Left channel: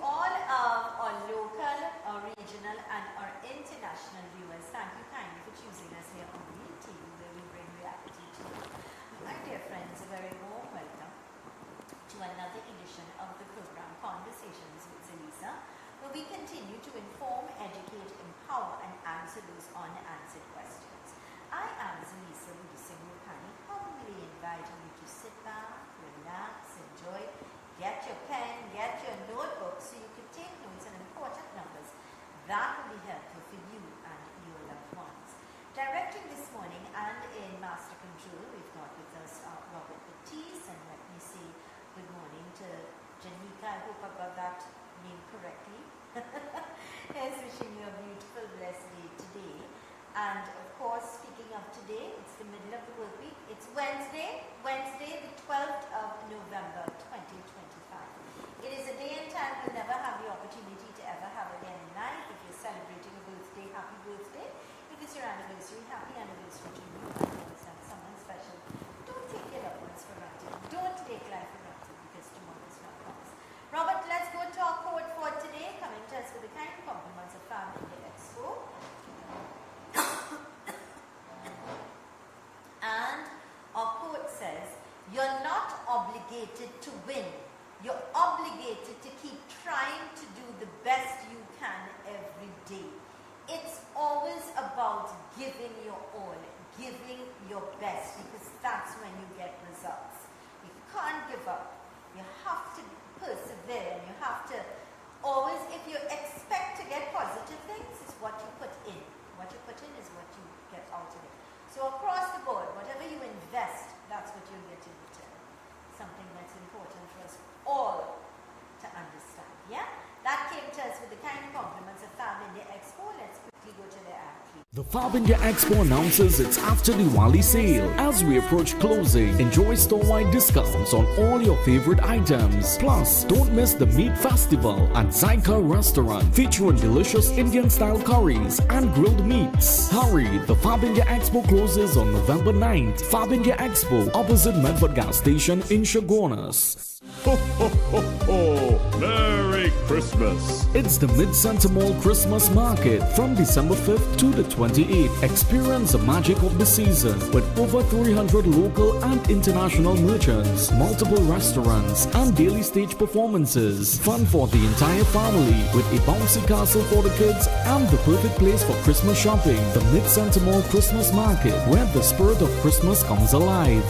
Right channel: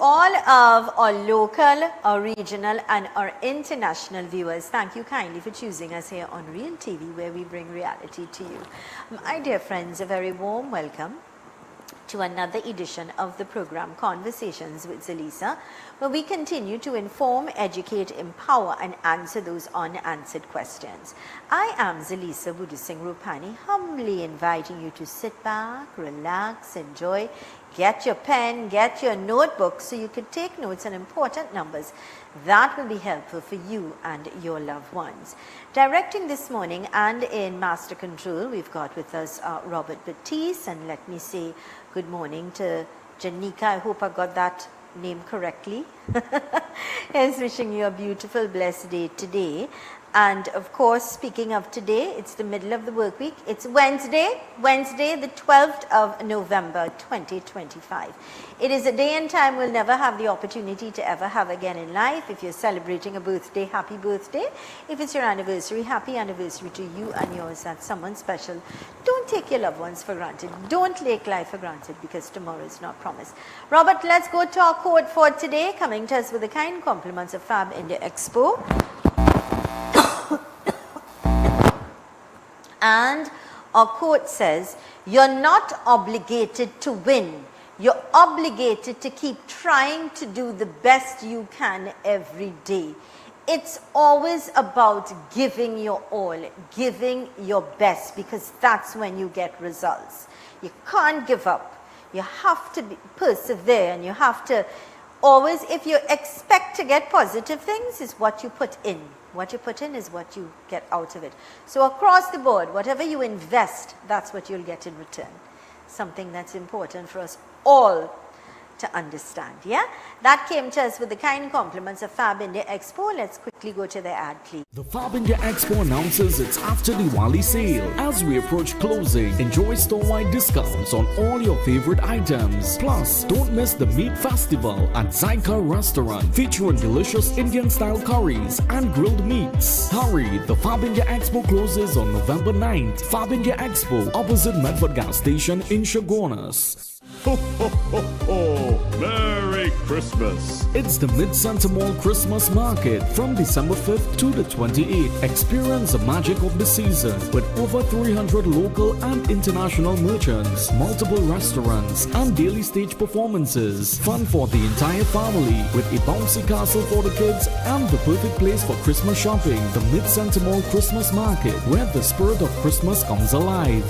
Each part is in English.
all of our local, our regional and our international viewers, thank you kindly for choosing us here on Real TV, where we bring reality to you. My dear friends, a very warm welcome to another edition of the program Conversations with Zelisa, where we continue to inform, educate, empower and answer those unanswered questions. I am Zelisa November, humbly inviting you to sit back, relax, enjoy, get your pen, get your notebook so you can take notes on important numbers that will be helpful for you and your loved ones. Directing this morning and in Master Control, we've got with us Robert Batiste, and let me say good morning to Janika. I hope I got that name correctly. He's wishing you a beautiful, blessed day today. And of course, speaking of today, it's the middle of the work week. It's Wednesday, the 12th of November, 2025. It is a day and time we'll never have the opportunity to ever have again in life. If you're celebrating a birthday, happy birthday. If it's your anniversary, happy anniversary to you and yours. That's someone special. Don't take your loved ones for granted. Don't take life for granted, because tomorrow is not promised. Robert, let's go to our quote for today, coming to us with the kind compliments of Fab India Expo. And our quote says, you're not obligated to win. You're obligated to keep trying to do the best you can every day. It's always about giving your all, giving your best, because that's when you get results. You can't give up. You have to persevere, and you have to always, if you expect to get positive things, is what you put in. What you put in is what you get out of it. So across the board, whatever you invest, that's what you'll get in return. Something that's important for us all to understand, yeah? That came to us with the kind compliments of Fab India Expo. Let's quickly go to the ad, please. The Fab India Expo announces its after Diwali sale. As we approach closing, enjoy store-wide discounts on all your favorite items. Plus, don't miss the Meat Festival at Zyka Restaurant, featuring delicious Indian-style curries and grilled meats. Hurry, the Fab India Expo closes on November 9th. Fab India Expo, opposite Medford Gas Station in Chaguanas. Ho, ho, ho, ho! Merry Christmas! It's the Mid-Center Mall Christmas Market from December 5th to the 28th. Experience the magic of the season with over 300 local and international merchants, multiple restaurants, and daily stage performances. Fun for the entire family with a bouncy castle for the kids and the perfect place for Christmas shopping. The Mid-Center Mall Christmas Market, where the spirit of Christmas comes alive.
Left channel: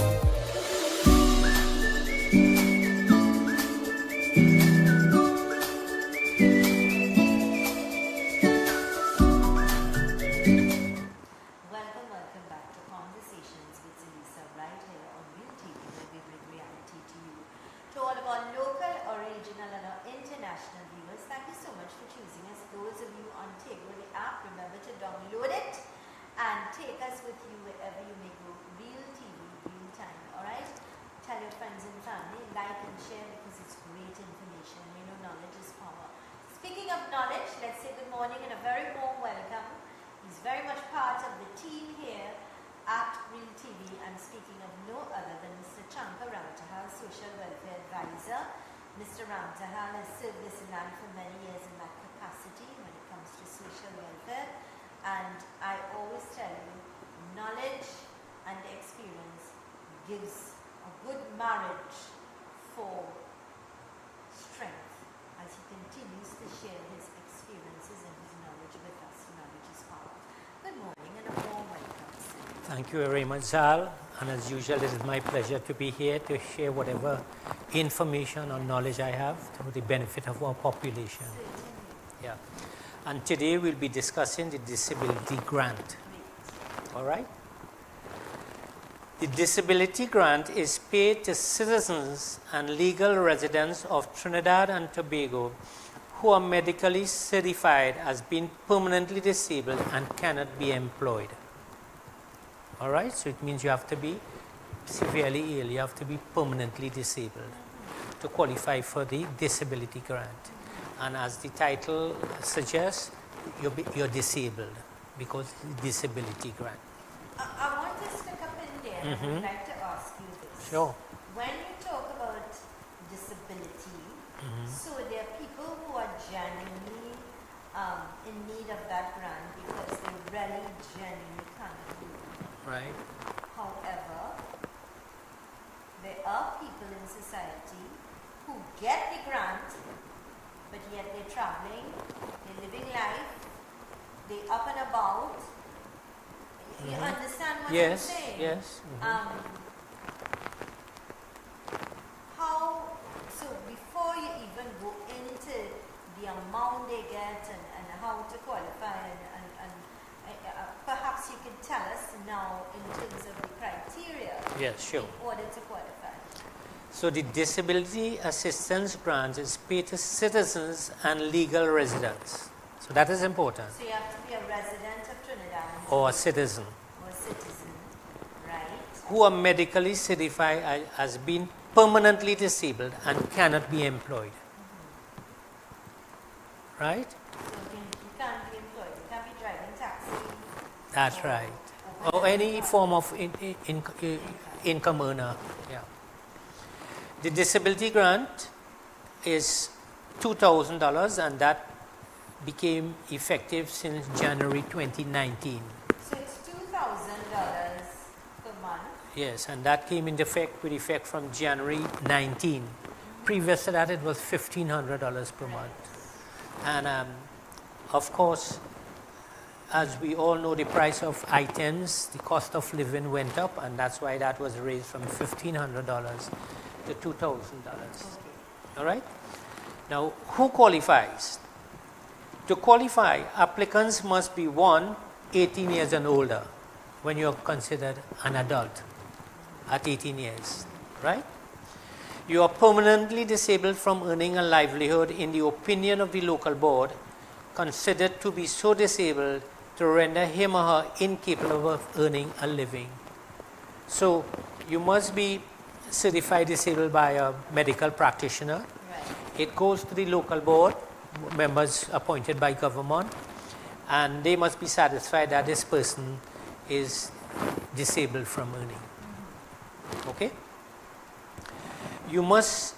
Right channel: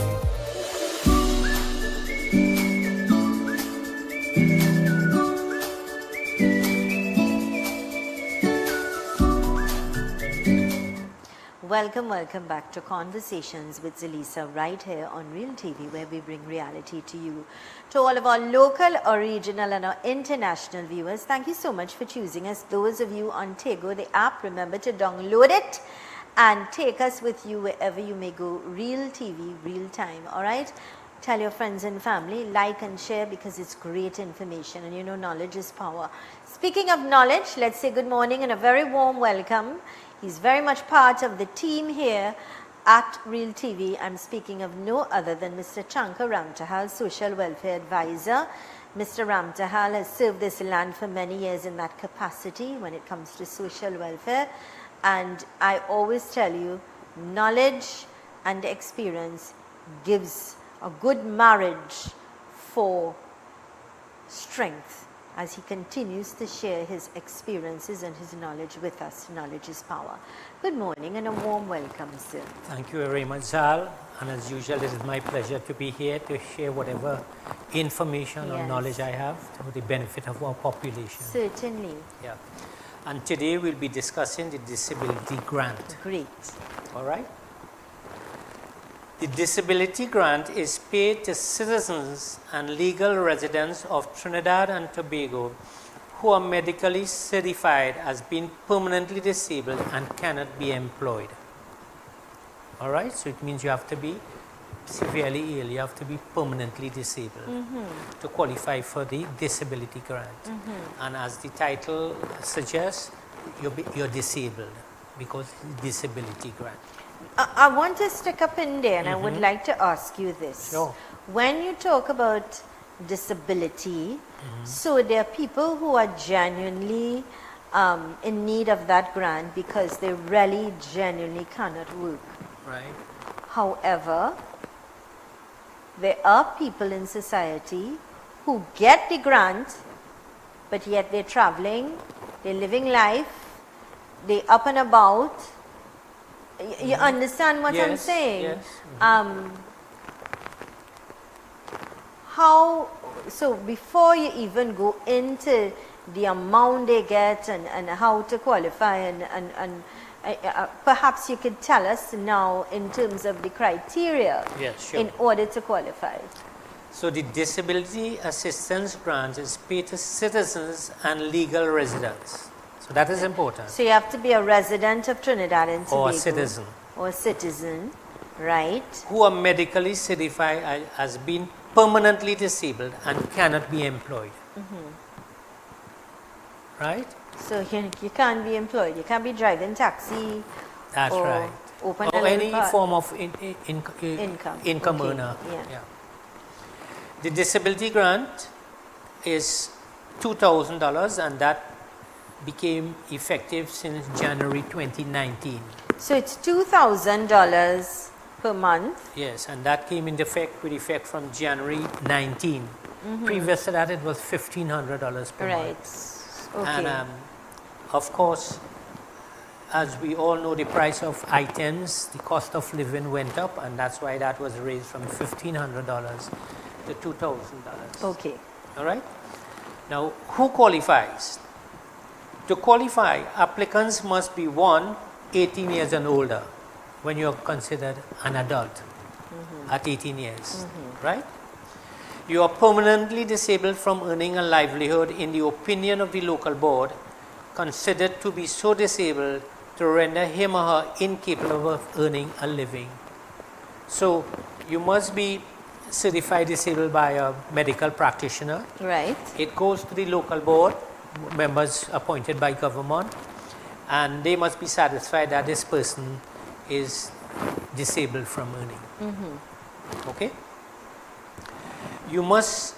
Welcome back to Conversations with Zelisa, right here on Real TV, where we bring reality to you. To all of our local, our regional and our international viewers, thank you so much for choosing us. Those of you on Tego, the app, remember to download it and take us with you wherever you may go. Real TV, real time, all right? Tell your friends and family, like and share, because it's great information, and you know knowledge is power. Speaking of knowledge, let's say good morning and a very warm welcome. He's very much part of the team here at Real TV. I'm speaking of no other than Mr. Chankar Ramtahal, Social Welfare Advisor. Mr. Ramtahal has served this land for many years in that capacity when it comes to social welfare. And I always tell you, knowledge and experience gives a good marriage for strength, as he continues to share his experiences and his knowledge with us. Knowledge is power. Good morning and a warm welcome, sir. Thank you very much, Zal. And as usual, it is my pleasure to be here to share whatever information or knowledge I have to the benefit of our population. Certainly. Yeah. And today we'll be discussing the disability grant. Great. All right? The disability grant is paid to citizens and legal residents of Trinidad and Tobago who are medically certified as being permanently disabled and cannot be employed. All right? So it means you have to be severely ill, you have to be permanently disabled to qualify for the disability grant. And as the title suggests, you're disabled because disability grant. I want to stick up in there, and I would like to ask you this. Sure. When you talk about disability. So there are people who are genuinely in need of that grant because they really genuinely cannot work. Right. However, there are people in society who get the grant, but yet they're traveling, they're living life, they're up and about. You understand what I'm saying? Yes. So before you even go into the amount they get and how to qualify and perhaps you could tell us now in terms of the criteria Yes, sure. in order to qualify. So the disability assistance grant is paid to citizens and legal residents. So that is important. So you have to be a resident of Trinidad and Tobago. Or a citizen. Or a citizen, right? Who are medically certified as being permanently disabled and cannot be employed. Right? So you can't be employed. You can't be driving taxi. That's or right. open Or a any car. form of income Okay, earner. yeah. Yeah. The disability grant is $2,000 and that became effective since January 2019. So it's $2,000 per month. Yes, and that came into effect with effect from January 19. Previous to that, it was $1,500 per Right. month. Okay. And of course, as we all know, the price of items, the cost of living went up, and that's why that was raised from $1,500 to $2,000. Okay. All right? Now, who qualifies? To qualify, applicants must be 18 years and older when you're considered an adult at 18 years, right? You are permanently disabled from earning a livelihood in the opinion of the local board, considered to be so disabled to render him or her incapable of earning a living. So you must be certified disabled by a medical practitioner. Right. It goes to the local board, members appointed by government, and they must be satisfied that this person is disabled from earning. Okay? You must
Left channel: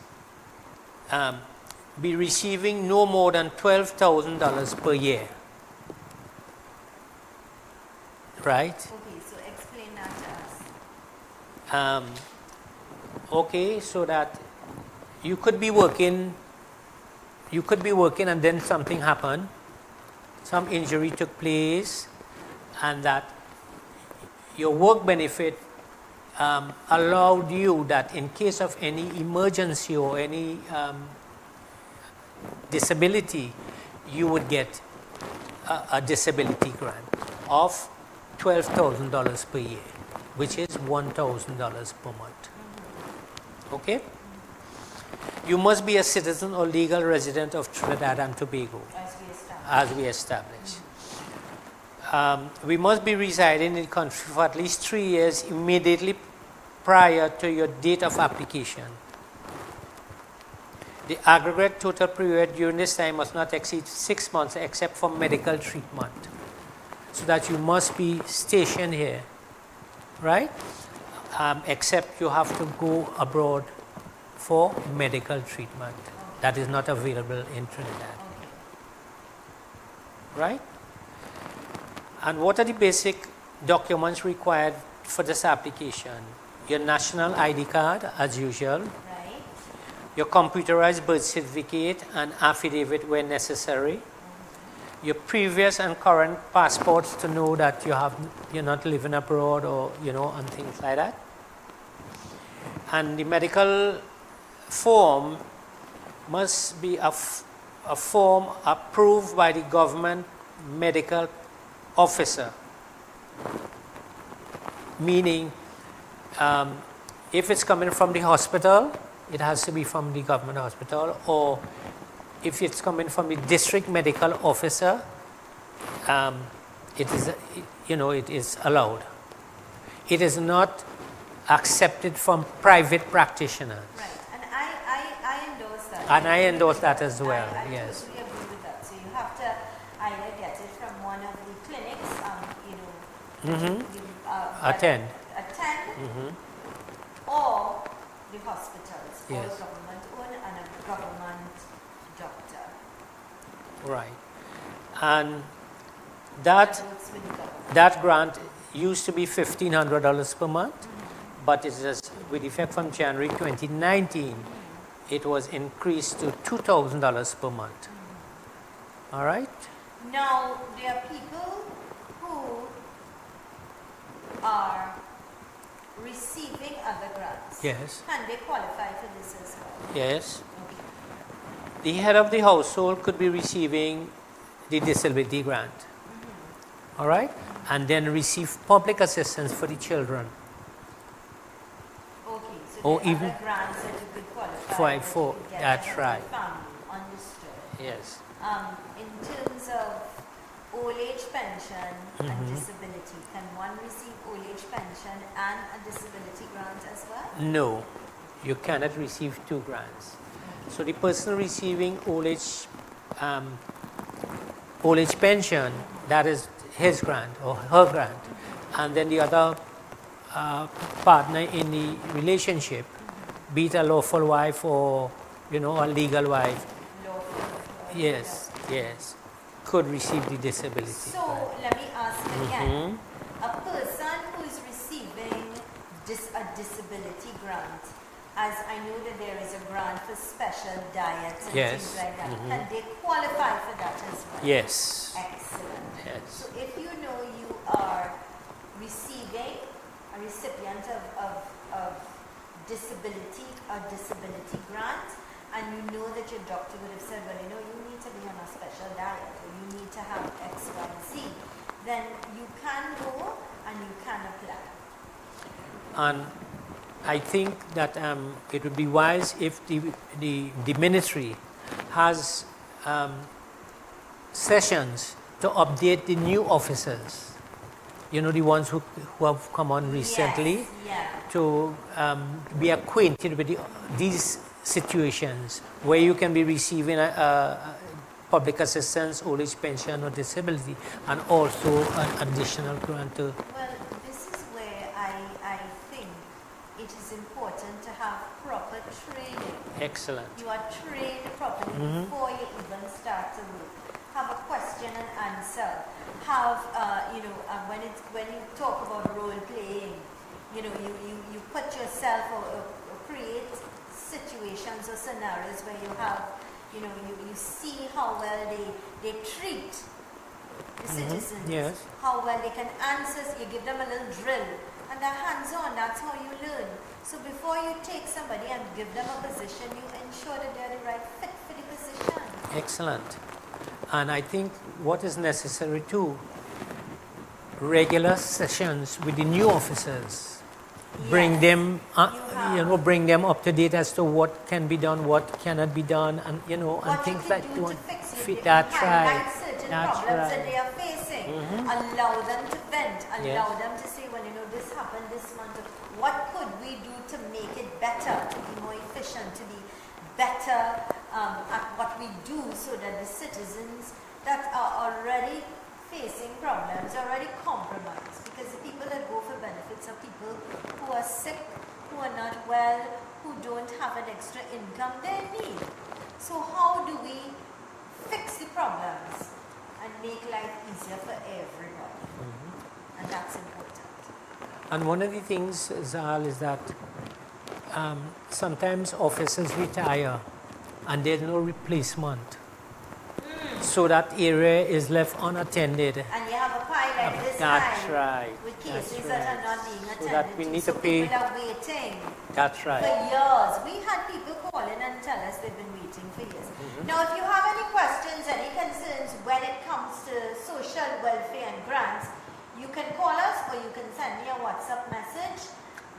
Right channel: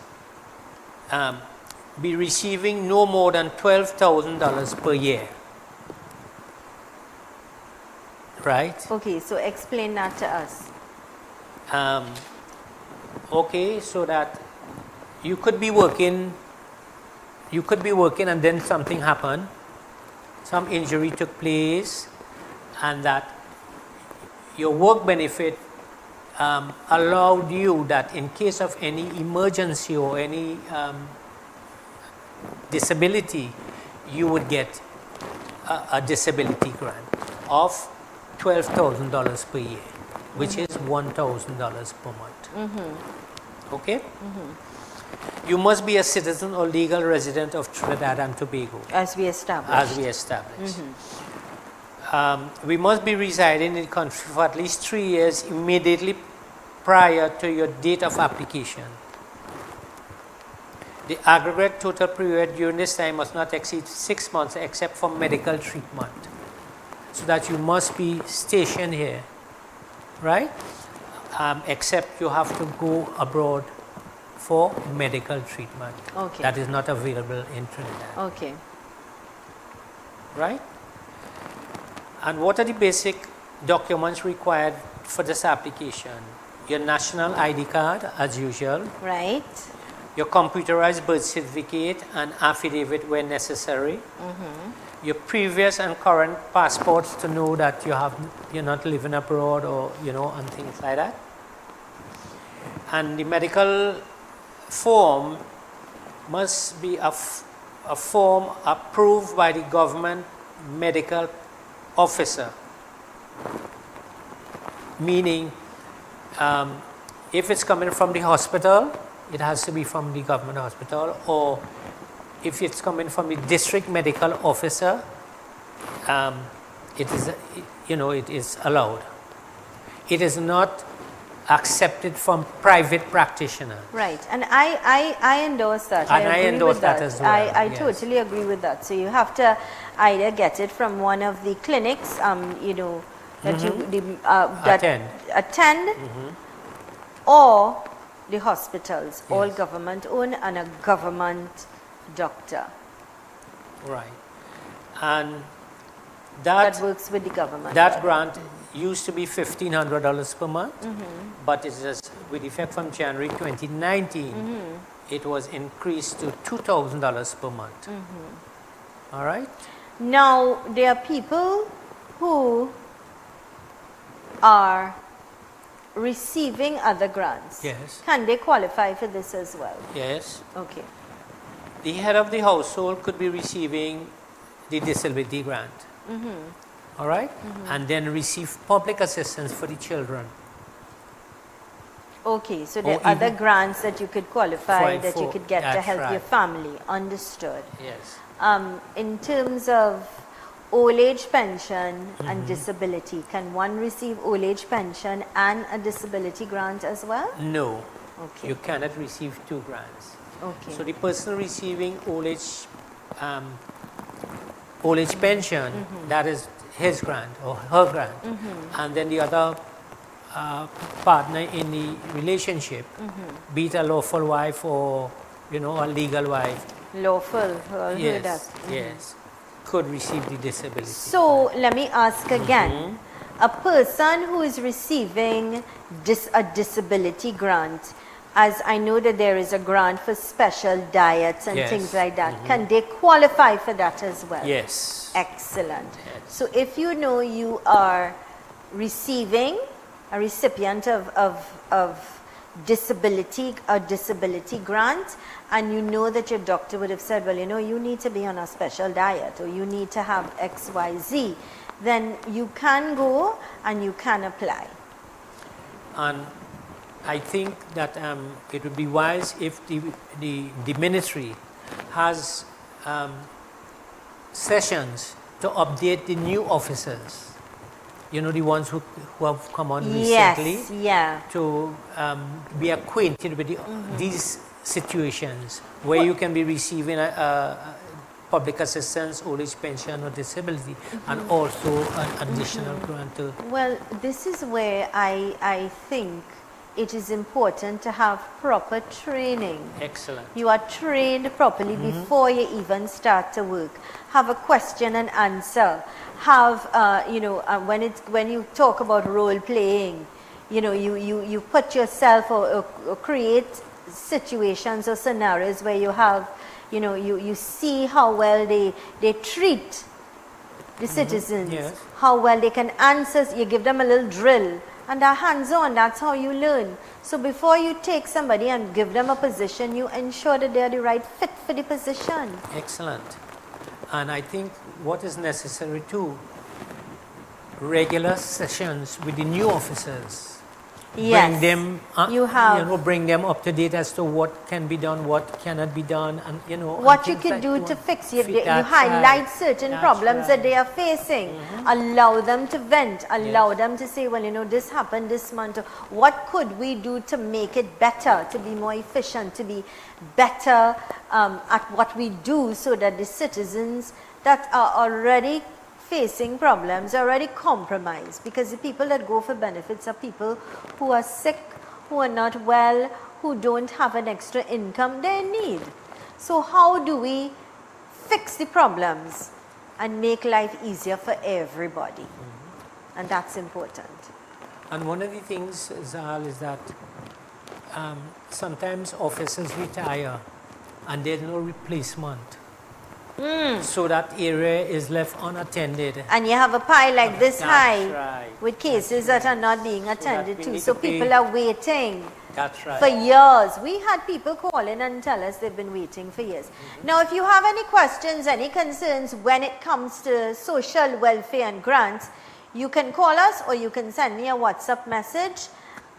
be receiving no more than $12,000 per year. Right? Okay, so explain that to us. Okay, so that you could be working and then something happened, some injury took place, and that your work benefit allowed you that in case of any emergency or any disability, you would get a disability grant of $12,000 per year, which is $1,000 per month. Okay? You must be a citizen or legal resident of Trinidad and Tobago, As we established. as we established. We must be residing in the country for at least 3 years immediately prior to your date of application. The aggregate total period during this time must not exceed 6 months except for medical treatment. So that you must be stationed here, right? Except you have to go abroad for medical treatment. Okay. That is not available in Trinidad. Okay. Right? And what are the basic documents required for this application? Your national ID card, as usual, Right. your computerized birth certificate and affidavit where necessary, your previous and current passports to know that you're not living abroad or, and things like that. And the medical form must be a form approved by the government medical officer, meaning if it's coming from the hospital, it has to be from the government hospital, or if it's coming from the district medical officer, it is allowed. It is not accepted from private practitioners. Right. And I endorse that. And I agree endorse with that as well, I yes. totally agree with that. So you have to either get it from one of the clinics, that that Attend. attend, or the hospitals, Yes. all government owned, and a government doctor Right. And that that, works with the government. that grant used to be $1,500 per month, but it is with effect from January 2019, it was increased to $2,000 per month. All right? Now, there are people who are receiving other grants. Yes. Can they qualify for this as well? Yes. Okay. The head of the household could be receiving the disability grant. All right? And then receive public assistance for the children. Okay, so Or there are other even- grants that you could qualify, Right, that you for- could get to that's help your right. family. Understood. Yes. In terms of old age pension and disability, can one receive old age pension and a disability grant as well? No, Okay. you cannot receive two grants. Okay. So the person receiving old age pension, that is his grant or her grant, and then the other partner in the relationship, be it a lawful wife or a legal wife, Lawful. yes, yes, could receive the disability. So let me ask again. A person who is receiving a disability grant, as I know that there is a grant for special diets and Yes. things like that, can they qualify for that as well? Yes. Excellent. Yes. So if you know you are receiving a recipient of disability, a disability grant, and you know that your doctor would have said, well, you need to be on a special diet or you need to have X, Y, Z, then you can go and you can apply. And I think that it would be wise if the ministry has sessions to update the new officers, the ones who have come on recently, Yes, yeah. to be acquainted with these situations where you can be receiving a public assistance, old age pension or disability, and also an additional grant to Well, this is where I think it is important to have proper training. excellent. You are trained properly before you even start to work. Have a question and answer. Have, when you talk about role playing, you put yourself or create situations or scenarios where you have, you see how well they treat the citizens, Yes. how well they can answer. You give them a little drill, and they're hands-on. That's how you learn. So before you take somebody and give them a position, you ensure that they're the right fit for the position. Excellent. And I think what is necessary too, regular sessions with the new officers. Bring Yes. them, You have- bring them up to date as to what can be done, what cannot be done, and and What you things could like do that. to fix it, you That's highlight right. certain That's problems that right. they are facing. Allow them to vent, allow them to say, well, this happened this month. What could we do to make it better, to be more efficient, to be better at what we do, so that the citizens that are already facing problems are already compromised? Because the people that go for benefits are people who are sick, who are not well, who don't have an extra income they need. So how do we fix the problems and make life easier for everybody? And that's important. And one of the things, Zal, is that sometimes officers retire and there's no replacement. So that area is left unattended. And you have a pile like this That's high right. with cases That's that are not being that attended we to. need So to pay- people are waiting That's for right. years. We had people call in and tell us they've been waiting for years. Now, if you have any questions, any concerns when it comes to social welfare and grants, you can call us or you can send me a WhatsApp message,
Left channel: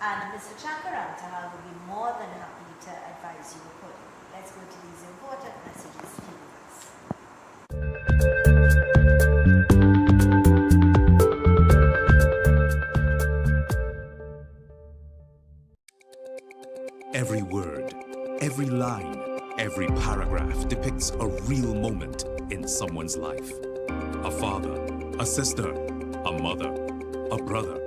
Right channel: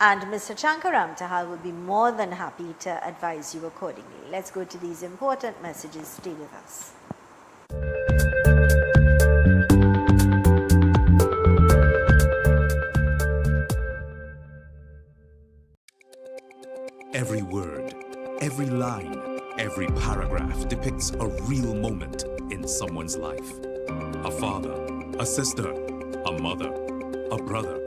and Mr. Chankaram Tahal will be more than happy to advise you accordingly. Let's go to these important messages. Stay with us. Every word, every line, every paragraph depicts a real moment in someone's life. A father, a sister, a mother, a brother.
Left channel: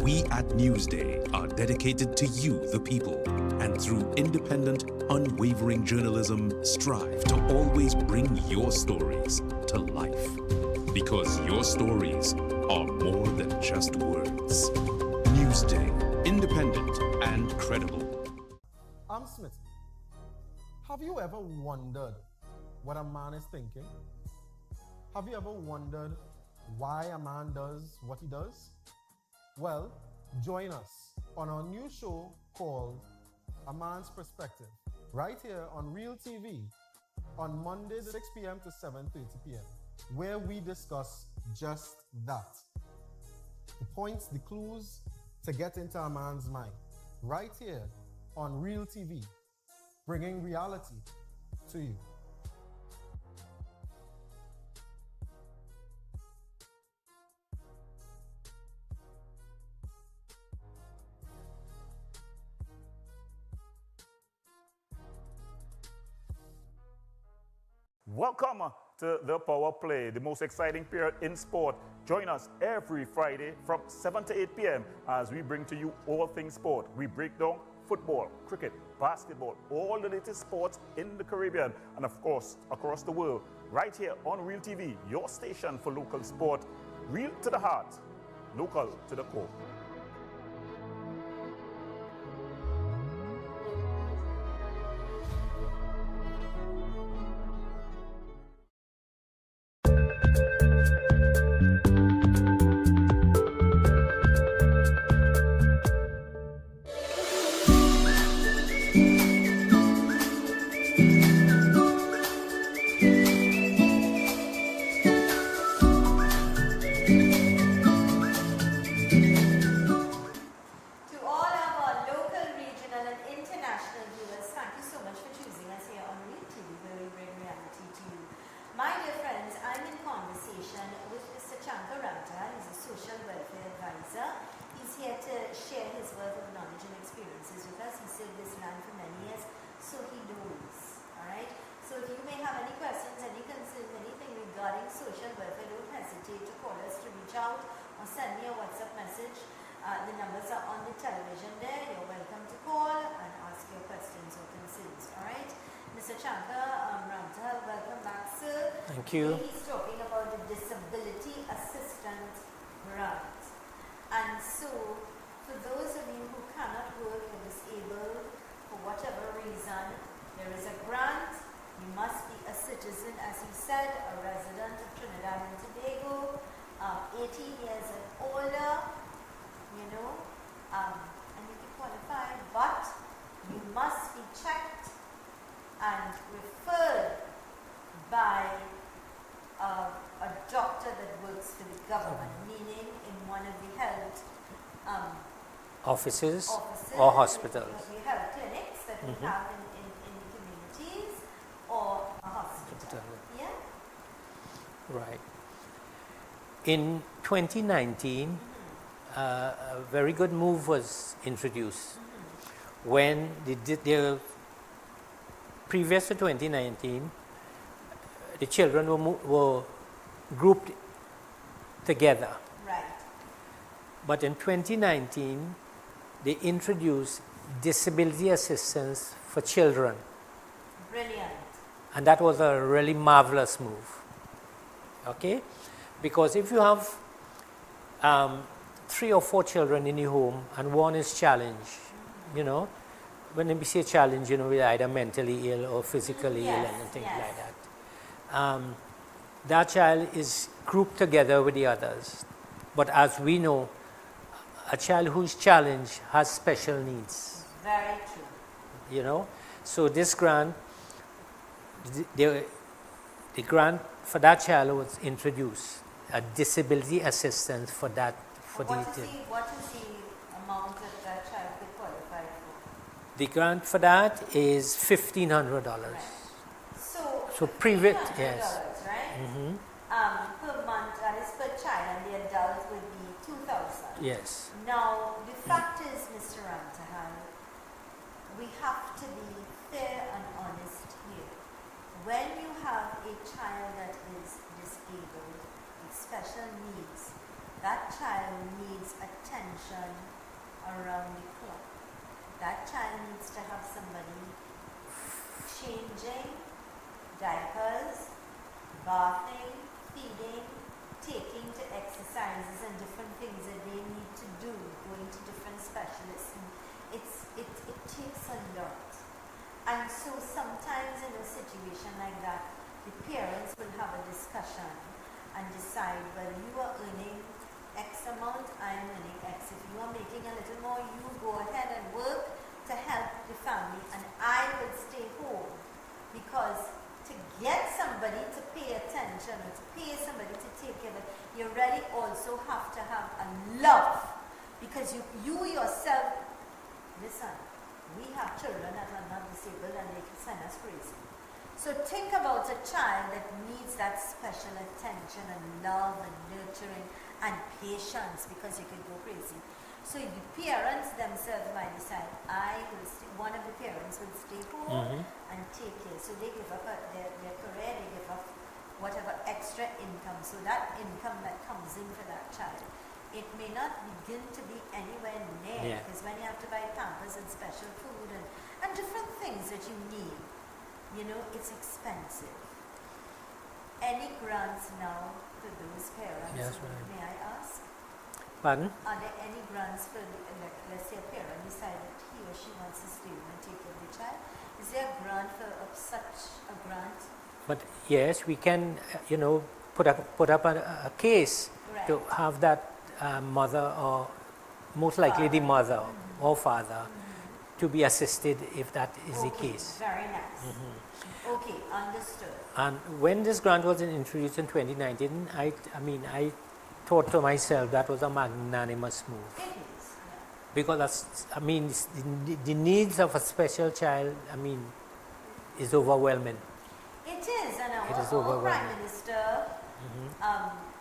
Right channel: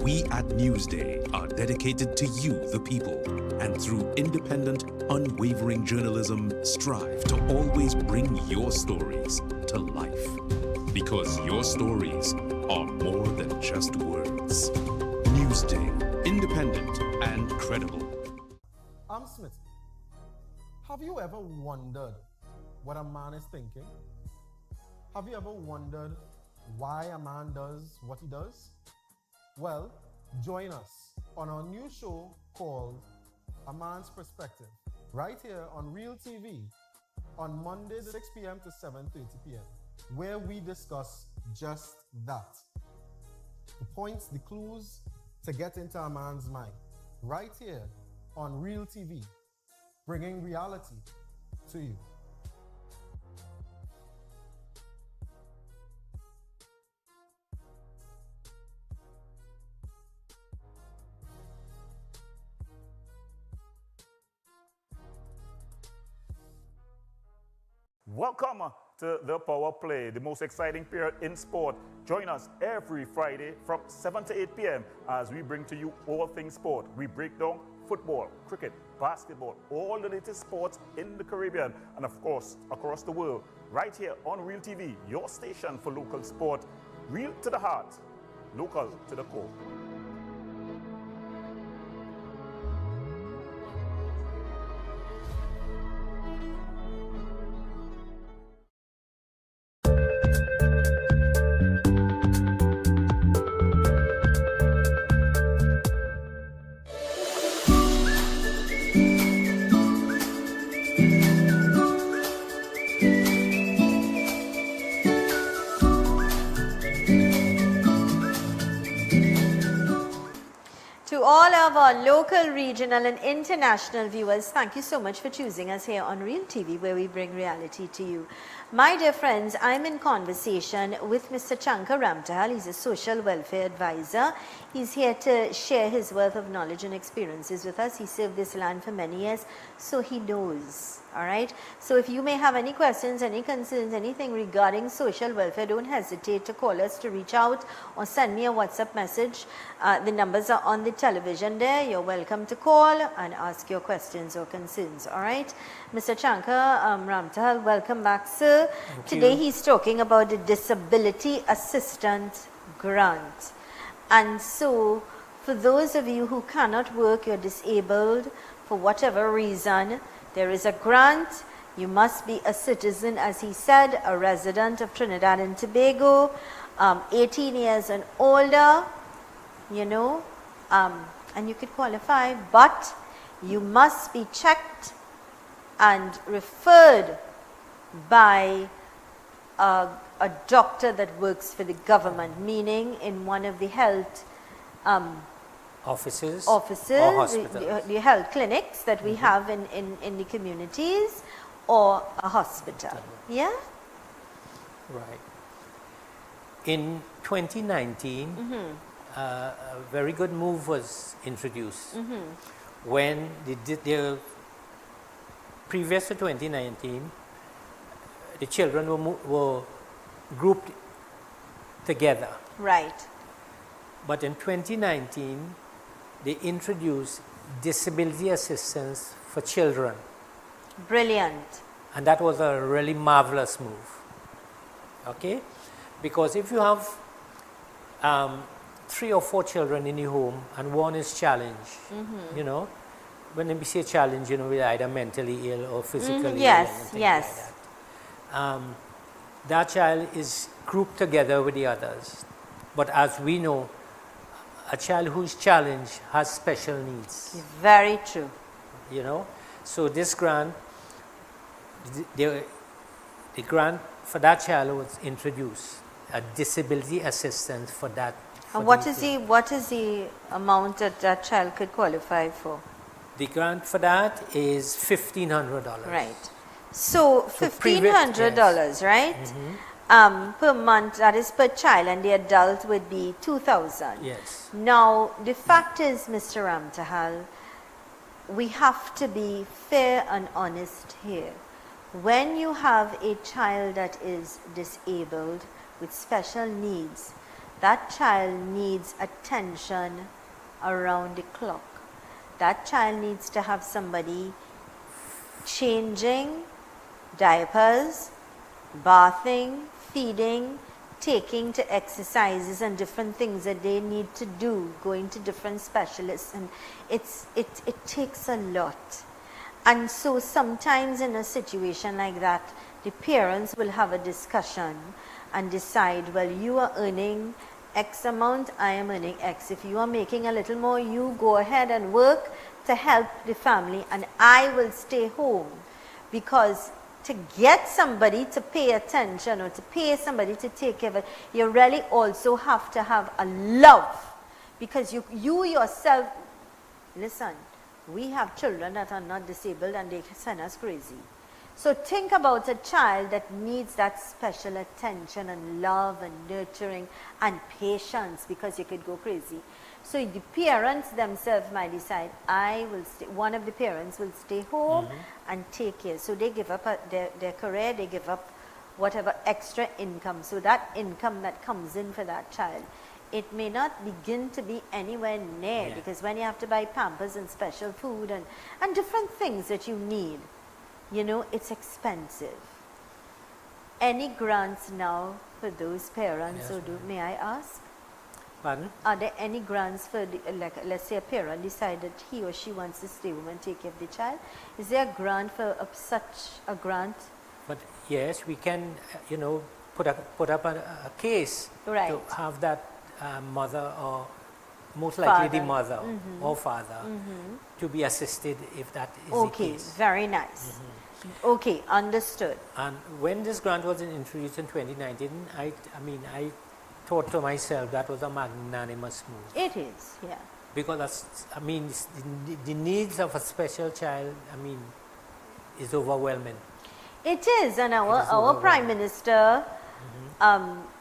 We at Newsday are dedicated to you, the people, and through independent, unwavering journalism, strive to always bring your stories to life. Because your stories are more than just words. Newsday, independent and credible. I'm Smith. Have you ever wondered what a man is thinking? Have you ever wondered why a man does what he does? Well, join us on our new show called A Man's Perspective, right here on Real TV on Mondays 6 p.m. to 7:30 p.m., where we discuss just that. The points, the clues to get into a man's mind, right here on Real TV, bringing reality to you. Welcome to the Power Play, the most exciting period in sport. Join us every Friday from 7 to 8 p.m. as we bring to you all things sport. We break down football, cricket, basketball, all the latest sports in the Caribbean and of course across the world. Right here on Real TV, your station for local sport. Real to the heart, local to the core. Local, regional and international viewers, thank you so much for choosing us here on Real TV, where we bring reality to you. My dear friends, I'm in conversation with Mr. Chankar Ramtahal. He's a social welfare advisor. He's here to share his wealth of knowledge and experiences with us. He served this land for many years, so he knows. All right. So if you may have any questions, any concerns, anything regarding social welfare, don't hesitate to call us, to reach out or send me a WhatsApp message. The numbers are on the television there. You're welcome to call and ask your questions or concerns. All right. Mr. Chankar Ramtahal, welcome back, sir. Thank Today you. he's talking about the Disability Assistance Grant. And so, for those of you who cannot work, you're disabled for whatever reason, there is a grant. You must be a citizen, as he said, a resident of Trinidad and Tobago, 18 years and older, you know, and you could qualify, but you must be checked and referred by a doctor that works for the government, meaning in one of the health Offices or hospitals. the health clinics that we have in the communities, or a hospital. Yeah? Right. In 2019, a very good move was introduced when the previous to 2019, the children were grouped together. Right. But in 2019, they introduced disability assistance for children. Brilliant. And that was a really marvelous move. Okay? Because if you have 3 or 4 children in the home and one is challenged, you know, when we say challenge, you know, we're either mentally ill or physically ill and things like that. That child is grouped together with the others. But as we know, a child who's challenged has special needs. Very true. You know, so this grant, the grant for that child was introduced, a disability assistance for that. And what is the amount that that child could qualify for? The grant for that is $1,500. Right. So $1,500, right? Per month, that is per child, and the adult would be $2,000. Yes. Now, the fact is, Mr. Ramtahal, we have to be fair and honest here. When you have a child that is disabled with special needs, that child needs attention around the clock. That child needs to have somebody changing diapers, bathing, feeding, taking to exercises and different things that they need to do, going to different specialists, and it takes a lot. And so sometimes in a situation like that, the parents will have a discussion and decide, well, you are earning X amount, I am earning X. If you are making a little more, you go ahead and work to help the family, and I will stay home. Because to get somebody to pay attention or to pay somebody to take care of it, you really also have to have a love. Because you yourself, listen, we have children that are not disabled and they send us crazy. So think about a child that needs that special attention and love and nurturing and patience, because you could go crazy. So the parents themselves might decide, I will stay, one of the parents will stay home and take care. So they give up their career, they give up whatever extra income. So that income that comes in for that child, it may not begin to be anywhere near, because when you have to buy Pampers and special food and different things that you need, you know, it's expensive. Any grants now for those parents? Yes, May I ask? Pardon? Are there any grants for, like, let's say a parent decided he or she wants to stay home and take care of the child? Is there a grant for such a grant? But yes, we can, you know, put up a case Right. to have that mother, or most likely the Father. mother or father, to be assisted if that is the Okay, case. very nice. Okay, understood. And when this grant was introduced in 2019, I thought to myself that was a magnanimous move, It is, yeah. because that's, the needs of a special child, is overwhelming. It is, and our is Prime overwhelming. Minister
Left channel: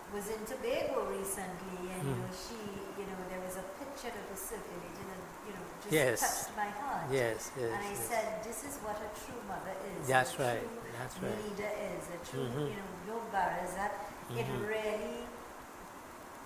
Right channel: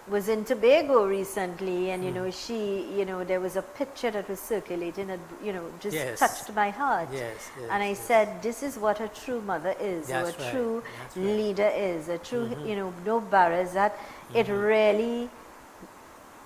was in Tobago recently, and you know, she, you know, there was a picture that was circulating that, you know, just Yes. touched my heart. Yes, yes, And I yes. said, this is what a true mother is, That's or a right, true that's right. leader is, a true, you know, no barriers. That it really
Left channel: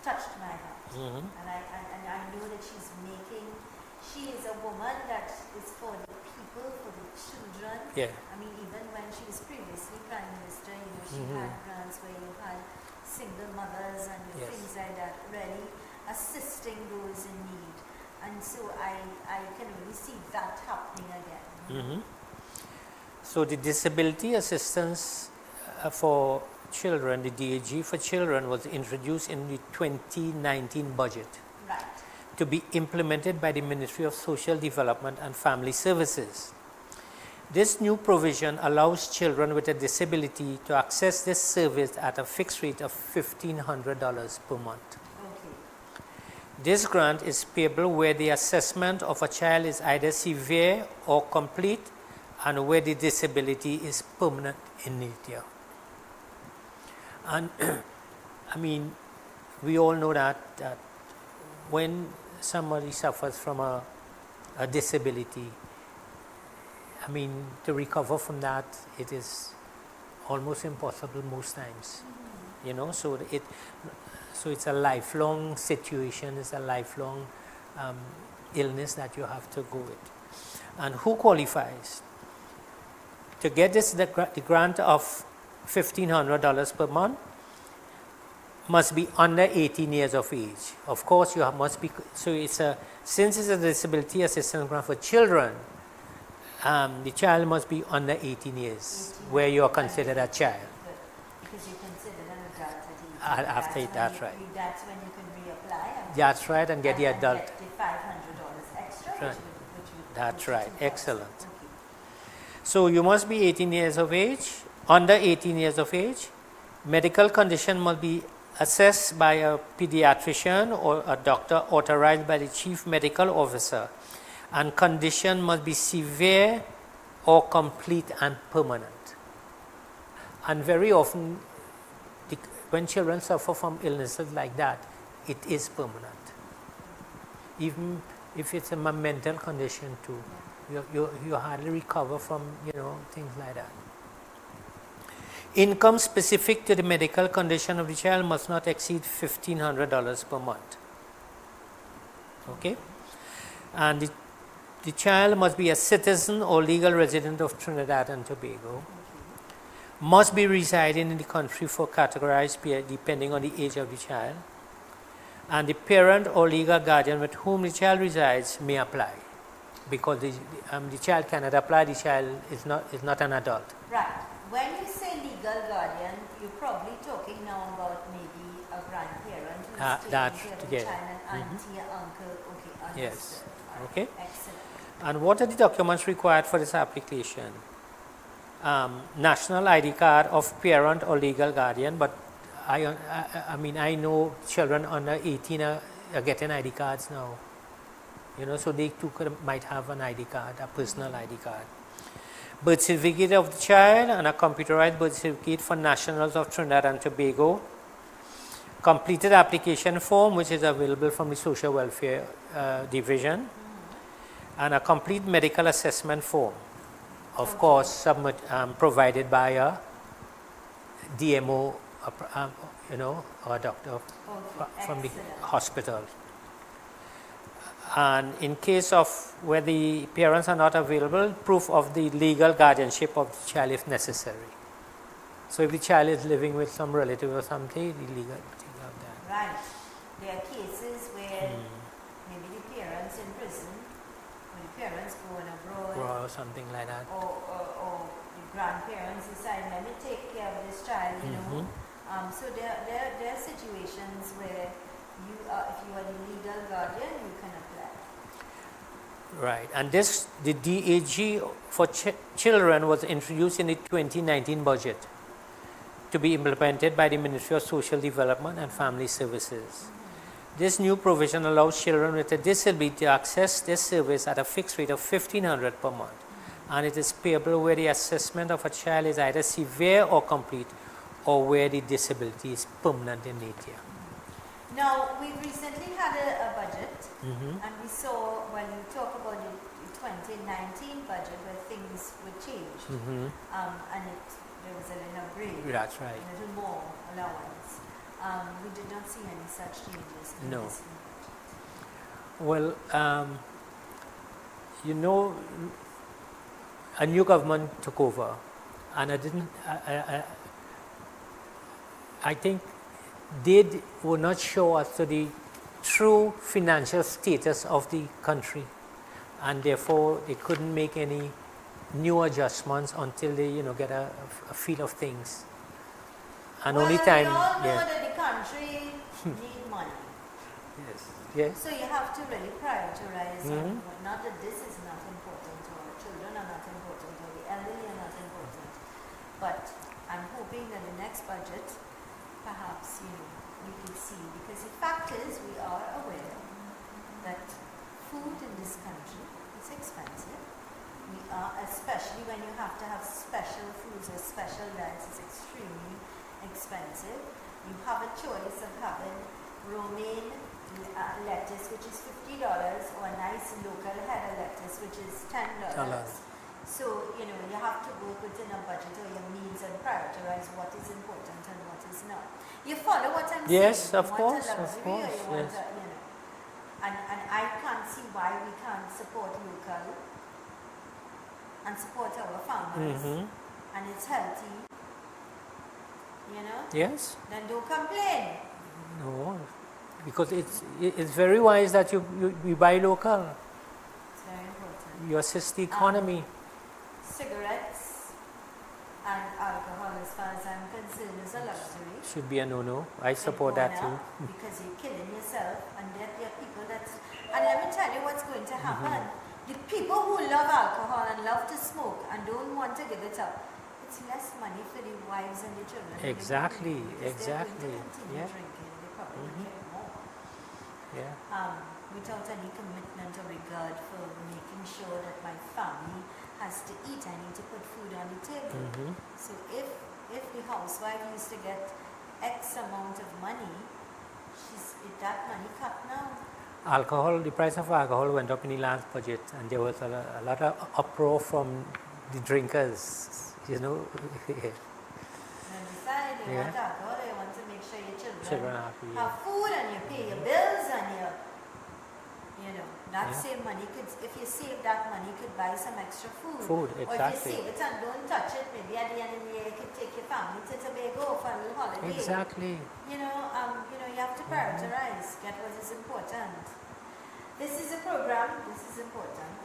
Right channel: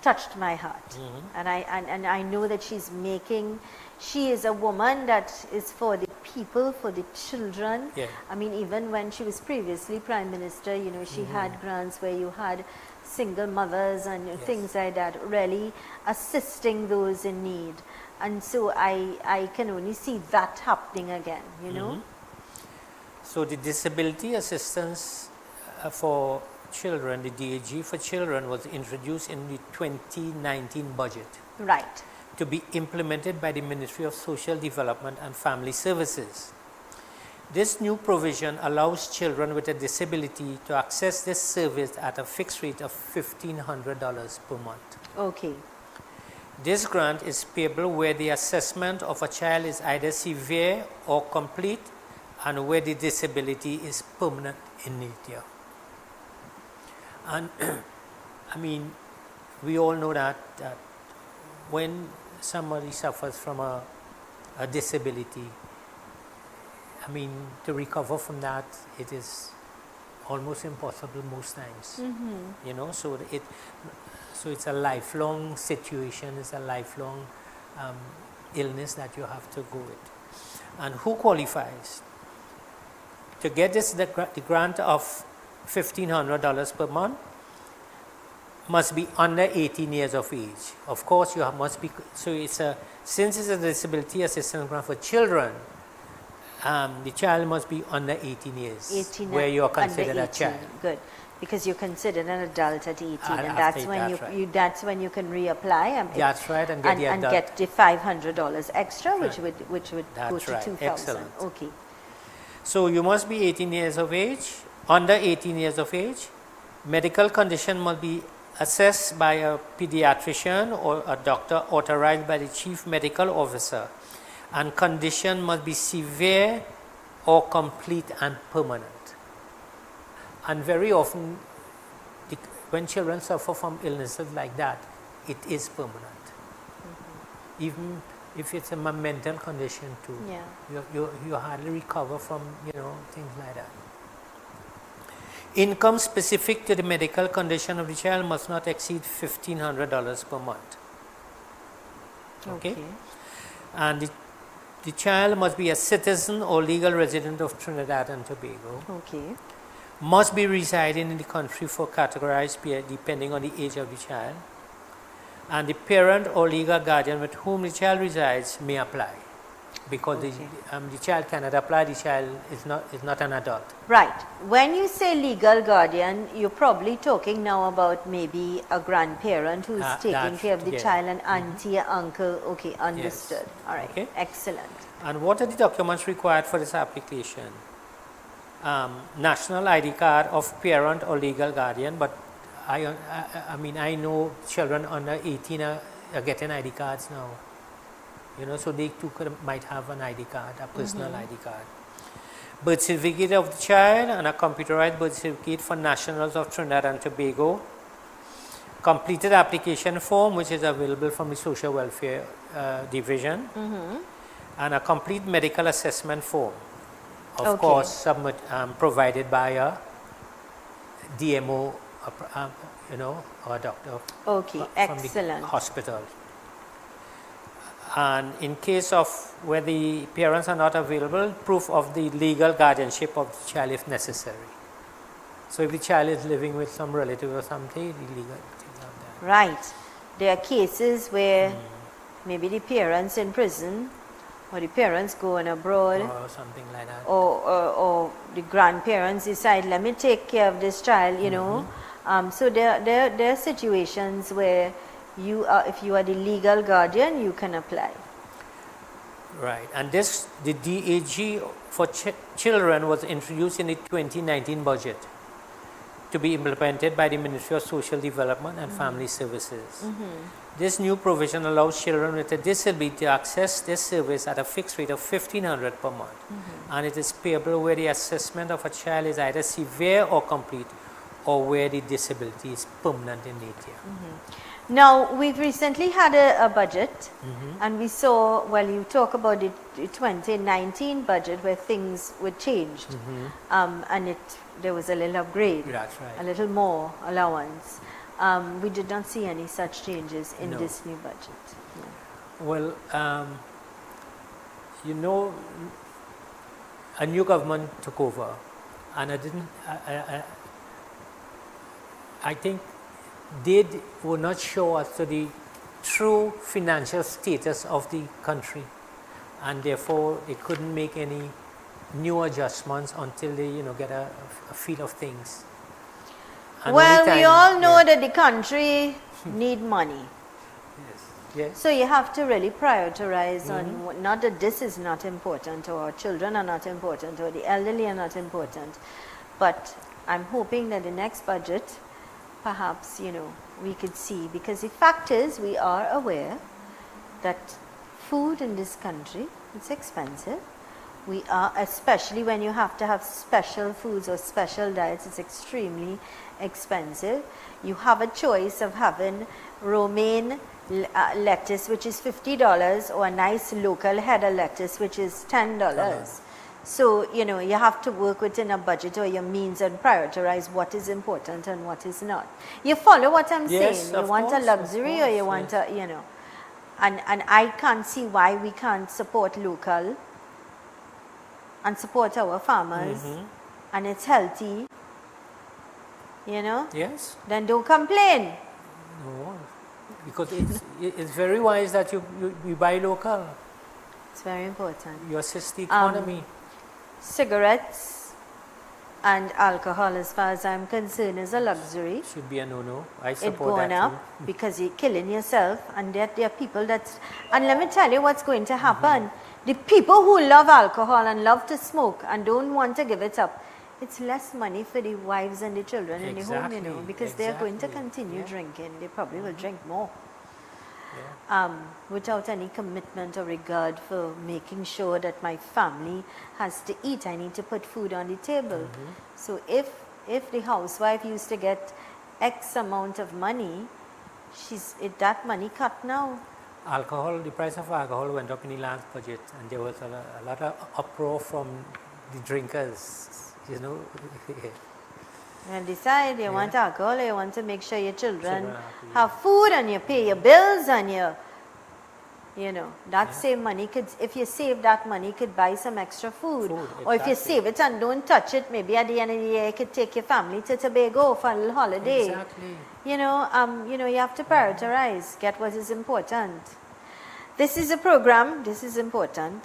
touched my heart, and I know that she is a woman that is for the people, for the children. Yeah. I mean, even when she was previously Prime Minister, you know, she had grants where you had single mothers and Yes. things like that, really assisting those in need. And so I can only see that happening again, you know. So the disability assistance for children, the DAG for children, was introduced in the 2019 budget Right. to be implemented by the Ministry of Social Development and Family Services. This new provision allows children with a disability to access this service at a fixed rate of $1,500 per month. Okay. This grant is payable where the assessment of a child is either severe or complete, and where the disability is permanent in nature. And we all know that when somebody suffers from a disability, to recover from that, it is almost impossible most times. You know, so it's a lifelong situation, it's a lifelong illness that you have to go with. And who qualifies? To get the grant of $1,500 per month, must be under 18 years of age. Of course, must be. So since it's a disability assistance grant for children, the child must be under 18 years, 18 where you are under considered a 18. child. Good, because you're considered an adult at 18, And and after that's when that's right. that's when you can reapply and That's right, and get the adult. get the $500 extra, which would go That's to right. 2,000. Excellent. Okay. So you must be 18 years of age, under 18 years of age. Medical condition must be assessed by a pediatrician or a doctor authorized by the chief medical officer, and condition must be severe or complete and permanent. And very often, when children suffer from illnesses like that, it is permanent. Even if it's a mental condition too, you hardly recover from, things like that. Income specific to the medical condition of the child must not exceed $1,500 per month. Okay? And the child must be a citizen or legal resident of Trinidad and Tobago. Okay. Must be residing in the country for categorized period depending on the age of the child. And the parent or legal guardian with whom the child resides may apply. Because the child cannot apply, the child is not an adult. Right. When you say legal guardian, you're probably talking now about maybe a grandparent who's taking care of the child, an auntie, an uncle. Okay, understood. All right. Okay. Excellent. And what are the documents required for this application? National ID card of parent or legal guardian, but I mean, I know children under 18 are getting ID cards now. You know, so they too might have an ID card, a personal ID card. Birth certificate of the child and a computerized birth certificate for nationals of Trinidad and Tobago. Completed application form, which is available from the Social Welfare Division. And a complete medical assessment form. Of course, provided by a DMO, you know, or a doctor from the hospital. And in case of where the parents are not available, proof of the legal guardianship of the child if necessary. So if the child is living with some relative or something, the legal thing of that. Right. There are cases where maybe the parents in prison or the parents going abroad or something like that. Or the grandparents decide, let me take care of this child, you know. So there are situations where if you are the legal guardian, you can apply. Right, and the DAG for children was introduced in the 2019 budget to be implemented by the Ministry of Social Development and Family Services. This new provision allows children with a disability to access this service at a fixed rate of $1,500 per month, and it is payable where the assessment of a child is either severe or complete, or where the disability is permanent in nature. Now, we've recently had a budget, and we saw, well, you talk about the 2019 budget where things were changed, and there was a little upgrade, That's right. a little more allowance. We did not see any such changes in this new budget. Well, you know, a new government took over, and I think they were not sure as to the true financial status of the country, and therefore they couldn't make any new adjustments until they, you know, get a feel of things. And Well, only time, we all know that the country need money. Yes. So you have to really prioritize on not that this is not important, or children are not important, or the elderly are not important, but I'm hoping that the next budget, perhaps, you know, we could see, because the fact is we are aware that food in this country is expensive. We are, especially when you have to have special foods or special diets, it's extremely expensive. You have a choice of having romaine lettuce, which is $50, or a nice local header lettuce, which is $10. So, you know, you have to work within a budget or your means and prioritize what is important and what is not. You follow what I'm saying? You want a luxury, or you want a, you know, and I can't see why we can't support local and support our farmers, and it's healthy, you know. Yes. Then don't complain. No, because it's very wise that you buy local. It's very important. You assist the economy. Cigarettes and alcohol, as far as I'm concerned, is a luxury. Should be a no-no. I support It's that gone too. up because you're killing yourself, and there are people that, and let me tell you what's going to happen. The people who love alcohol and love to smoke and don't want to give it up, it's less money for the wives and the children in the home, you know, because they're going to continue drinking. They probably will drink more. Without any commitment or regard for making sure that my family has to eat. I need to put food on the table. So if the housewife used to get X amount of money, that money cut now. Alcohol, the price of alcohol went up in the last budget, and there was a lot of uproar from the drinkers, you know. And decide you want alcohol, you want to make sure your children Children are happy, have food and you pay your bills and that same money could, if you save that money, could buy some extra food. Or if you save it and don't touch it, maybe at the end of the year you could take your family to Tobago for a little holiday. Exactly. You have to prioritize, get what is important. This is a program, this is important.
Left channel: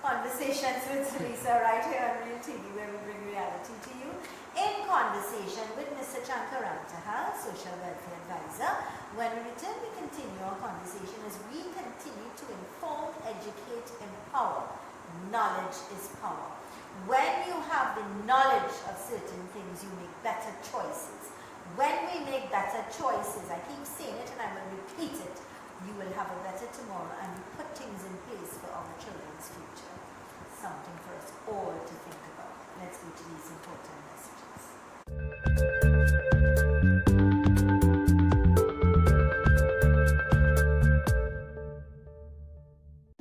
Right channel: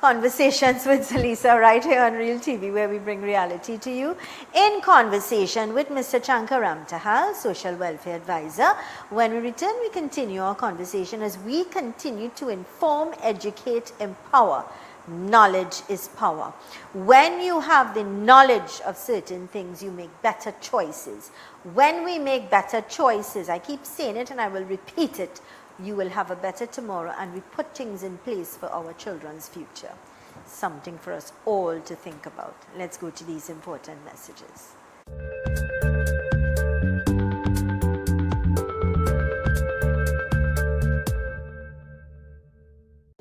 Conversations with Zelisa right here on Real TV, where we bring reality to you. In conversation with Mr. Chankaram Tahal, Social Welfare Advisor. When we return, we continue our conversation as we continue to inform, educate, empower. Knowledge is power. When you have the knowledge of certain things, you make better choices. When we make better choices, I keep saying it and I will repeat it, you will have a better tomorrow, and we put things in place for our children's future. Something for us all to think about. Let's go to these important messages.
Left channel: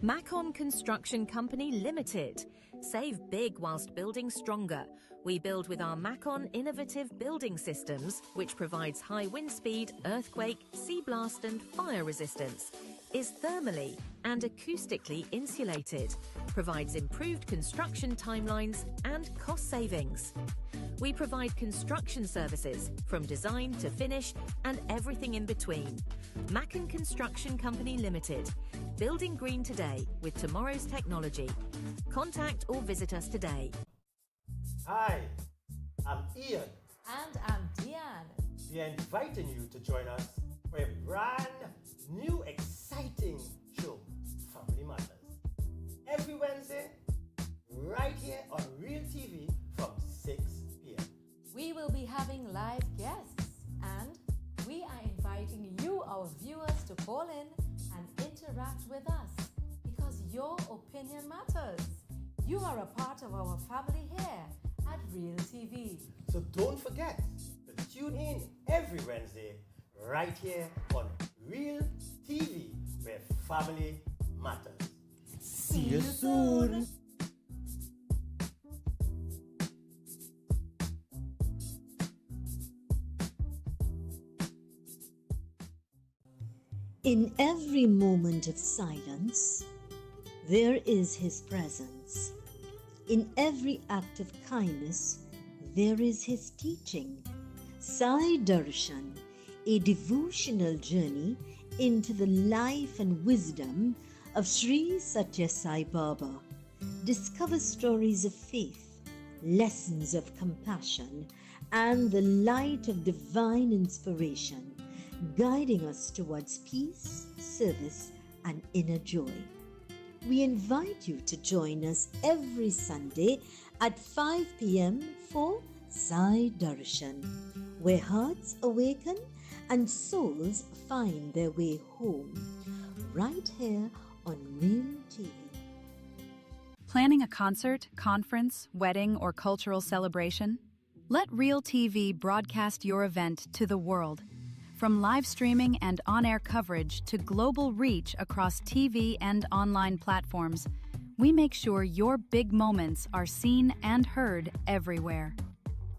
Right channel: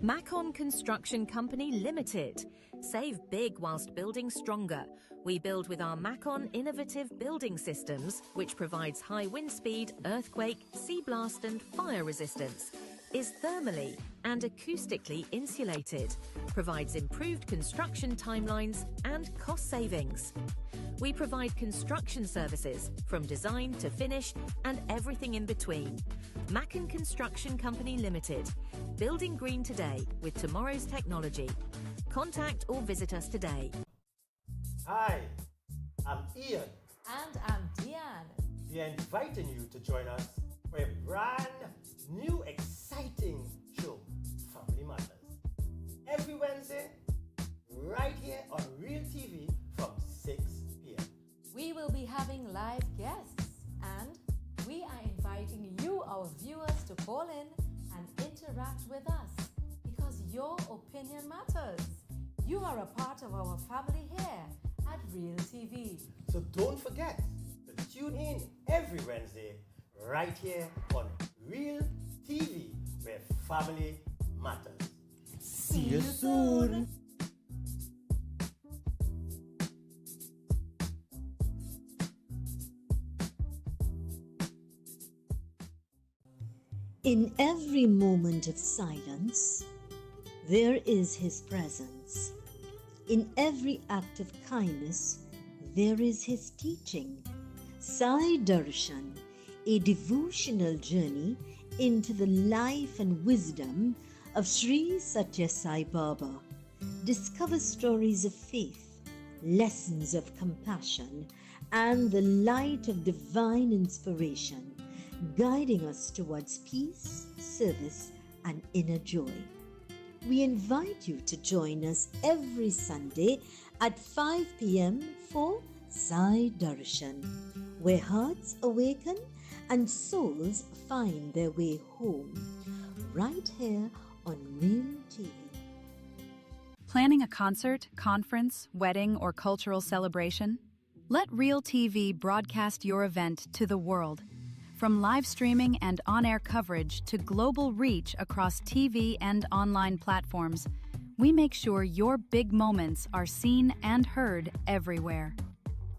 Macon Construction Company Limited. Save big whilst building stronger. We build with our Macon innovative building systems, which provides high wind speed, earthquake, sea blast and fire resistance, is thermally and acoustically insulated, provides improved construction timelines and cost savings. We provide construction services from design to finish and everything in between. Macon Construction Company Limited. Building green today with tomorrow's technology. Contact or visit us today. Hi, I'm Ian. And I'm Deanne. We are inviting you to join us for a brand new exciting show, Family Matters. Every Wednesday, right here on Real TV from 6 p.m. We will be having live guests and we are inviting you, our viewers, to call in and interact with us because your opinion matters. You are a part of our family here at Real TV. So don't forget to tune in every Wednesday right here on Real TV, where family matters. See you soon. In every moment of silence, there is His presence. In every act of kindness, there is His teaching. Sai Darshan, a devotional journey into the life and wisdom of Sri Satya Sai Baba. Discover stories of faith, lessons of compassion, and the light of divine inspiration, guiding us towards peace, service, and inner joy. We invite you to join us every Sunday at 5 p.m. for Sai Darshan, where hearts awaken and souls find their way home, right here on Real TV. Planning a concert, conference, wedding, or cultural celebration? Let Real TV broadcast your event to the world. From live streaming and on-air coverage to global reach across TV and online platforms, we make sure your big moments are seen and heard everywhere.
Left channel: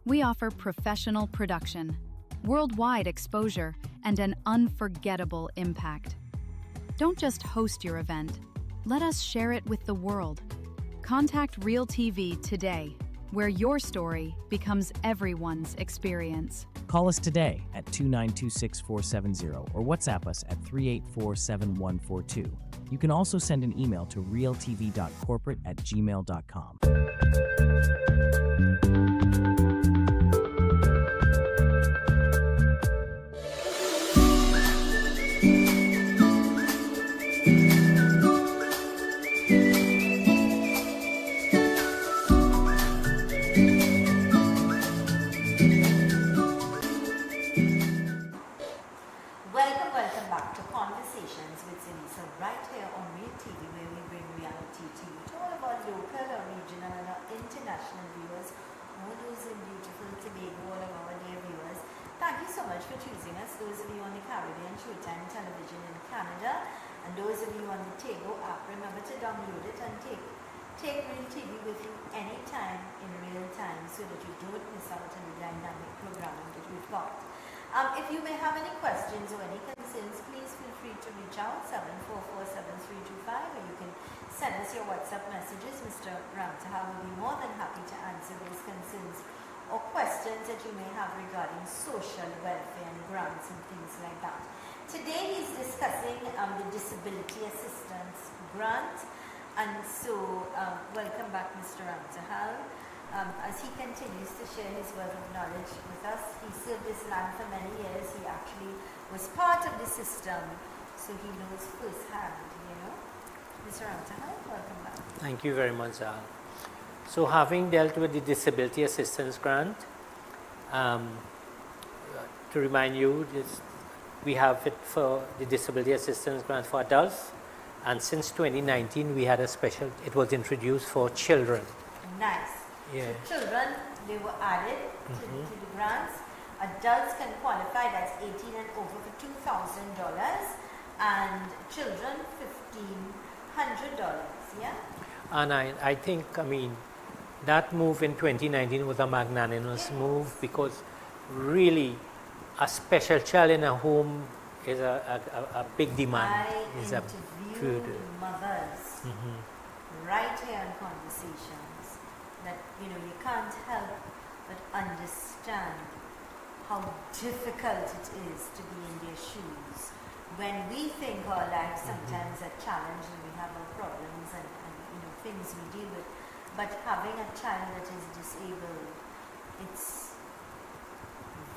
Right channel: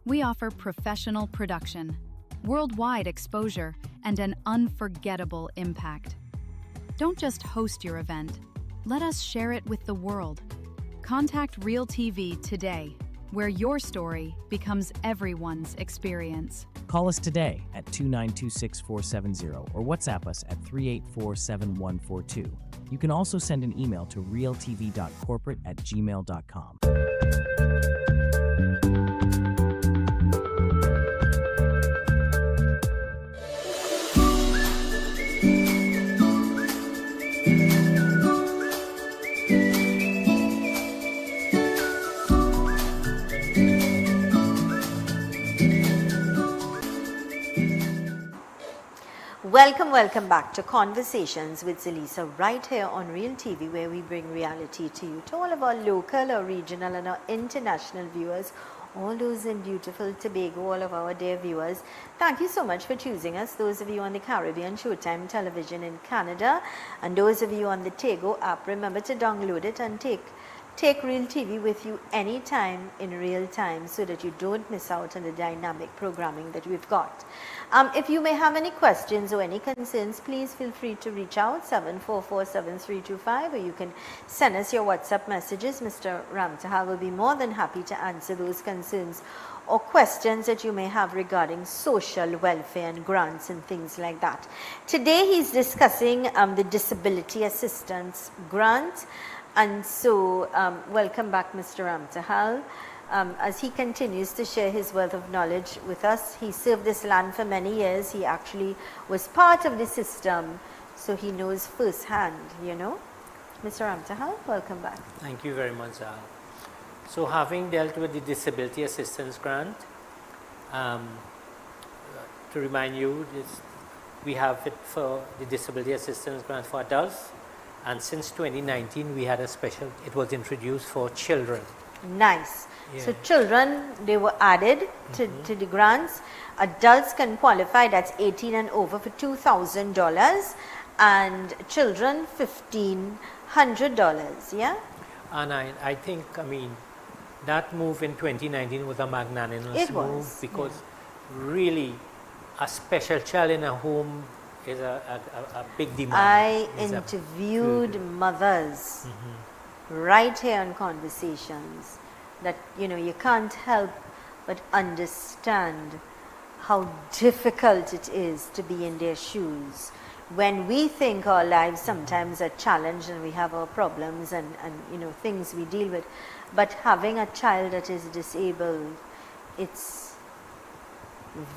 We offer professional production, worldwide exposure, and an unforgettable impact. Don't just host your event. Let us share it with the world. Contact Real TV today, where your story becomes everyone's experience. Call us today at 2926470 or WhatsApp us at 3847142. You can also send an email to realtv.corporate@gmail.com. Welcome back to Conversations with Zelisa right here on Real TV, where we bring reality to you, to all of our local or regional and our international viewers, all those in beautiful Tobago, all of our dear viewers. Thank you so much for choosing us, those of you on the Caribbean Showtime television in Canada, and those of you on the Tego app. Remember to download it and take Take Real TV with you anytime in real time so that you don't miss out on the dynamic programming that we've got. If you may have any questions or any concerns, please feel free to reach out 744-7325, or you can send us your WhatsApp messages. Mr. Ramtahal will be more than happy to answer those concerns or questions that you may have regarding social welfare and grants and things like that. Today he's discussing the Disability Assistance Grant. And so, welcome back, Mr. Ramtahal. As he continues to share his wealth of knowledge with us, he served this land for many years. He actually was part of the system, so he knows firsthand, you know. Mr. Ramtahal, welcome back. Thank you very much, Al. So, having dealt with the Disability Assistance Grant, to remind you, we have it for the Disability Assistance Grant for adults. And since 2019, we had a special, it was introduced for children. Nice. Yeah. So children, they were added to the grants. Adults can qualify, that's 18 and over, for $2,000. And children, $1,500, yeah? And I think, that move in 2019 was a magnanimous move, because really a special child in a home is a big demand. I interviewed mothers right here in Conversations that, you know, you can't help but understand how difficult it is to be in their shoes. When we think our lives sometimes are challenged and we have our problems and you know, things we deal with, but having a child that is disabled, it's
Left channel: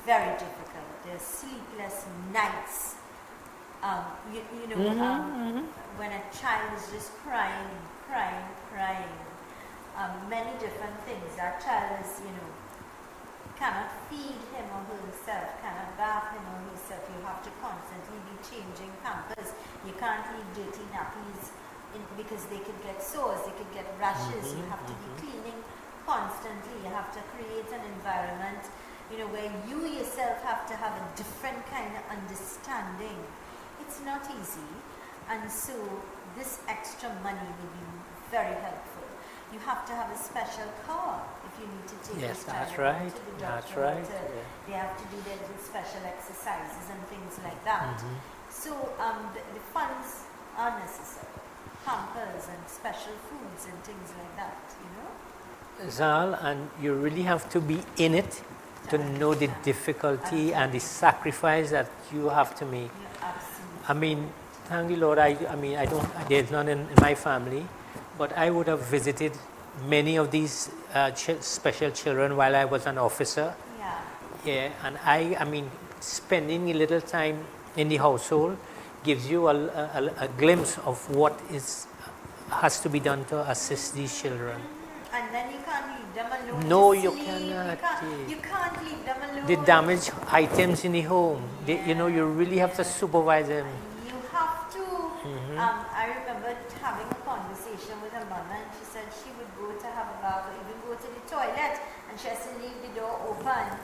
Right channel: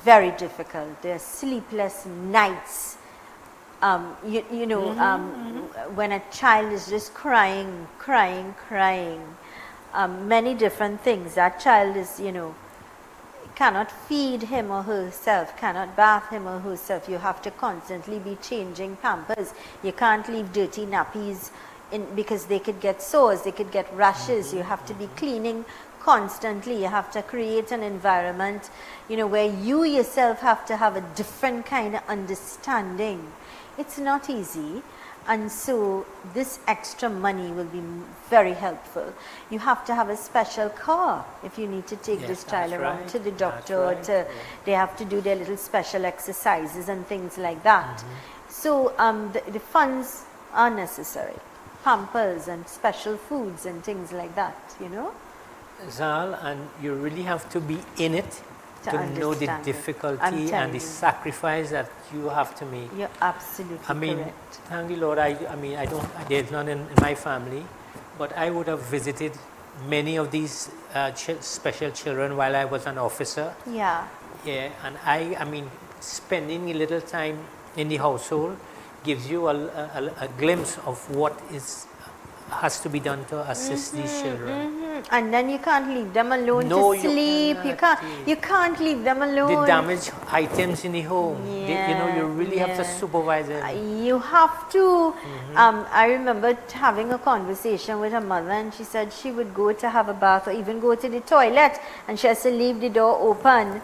very difficult. There are sleepless nights. When a child is just crying, many different things. That child is, you know, cannot feed him or herself, cannot bath him or herself. You have to constantly be changing pampers. You can't leave dirty nappies in, because they could get sores, they could get rashes. You have to be cleaning constantly. You have to create an environment, you know, where you yourself have to have a different kind of understanding. It's not easy, and so this extra money will be very helpful. You have to have a special car if you need to take this child around to the doctor, or they have to do their little special exercises and things like that. So the funds are necessary, pampers and special foods and things like that, you know. Zal, and you really have to be in it to know the difficulty and the sacrifice that you have to make. You're absolutely correct. Thank the Lord, there's none in my family, but I would have visited many of these special children while I was an officer. Yeah. Yeah, and I mean, spending a little time in the household gives you a glimpse of what has to be done to assist these children. And then you can't leave them alone to sleep. You can't leave them alone. The damaged items in the home. Yeah, you really have to supervise them. You have to. I remember having a conversation with her mother, and she said she would go to have a bath or even go to the toilet, and she has to leave the door open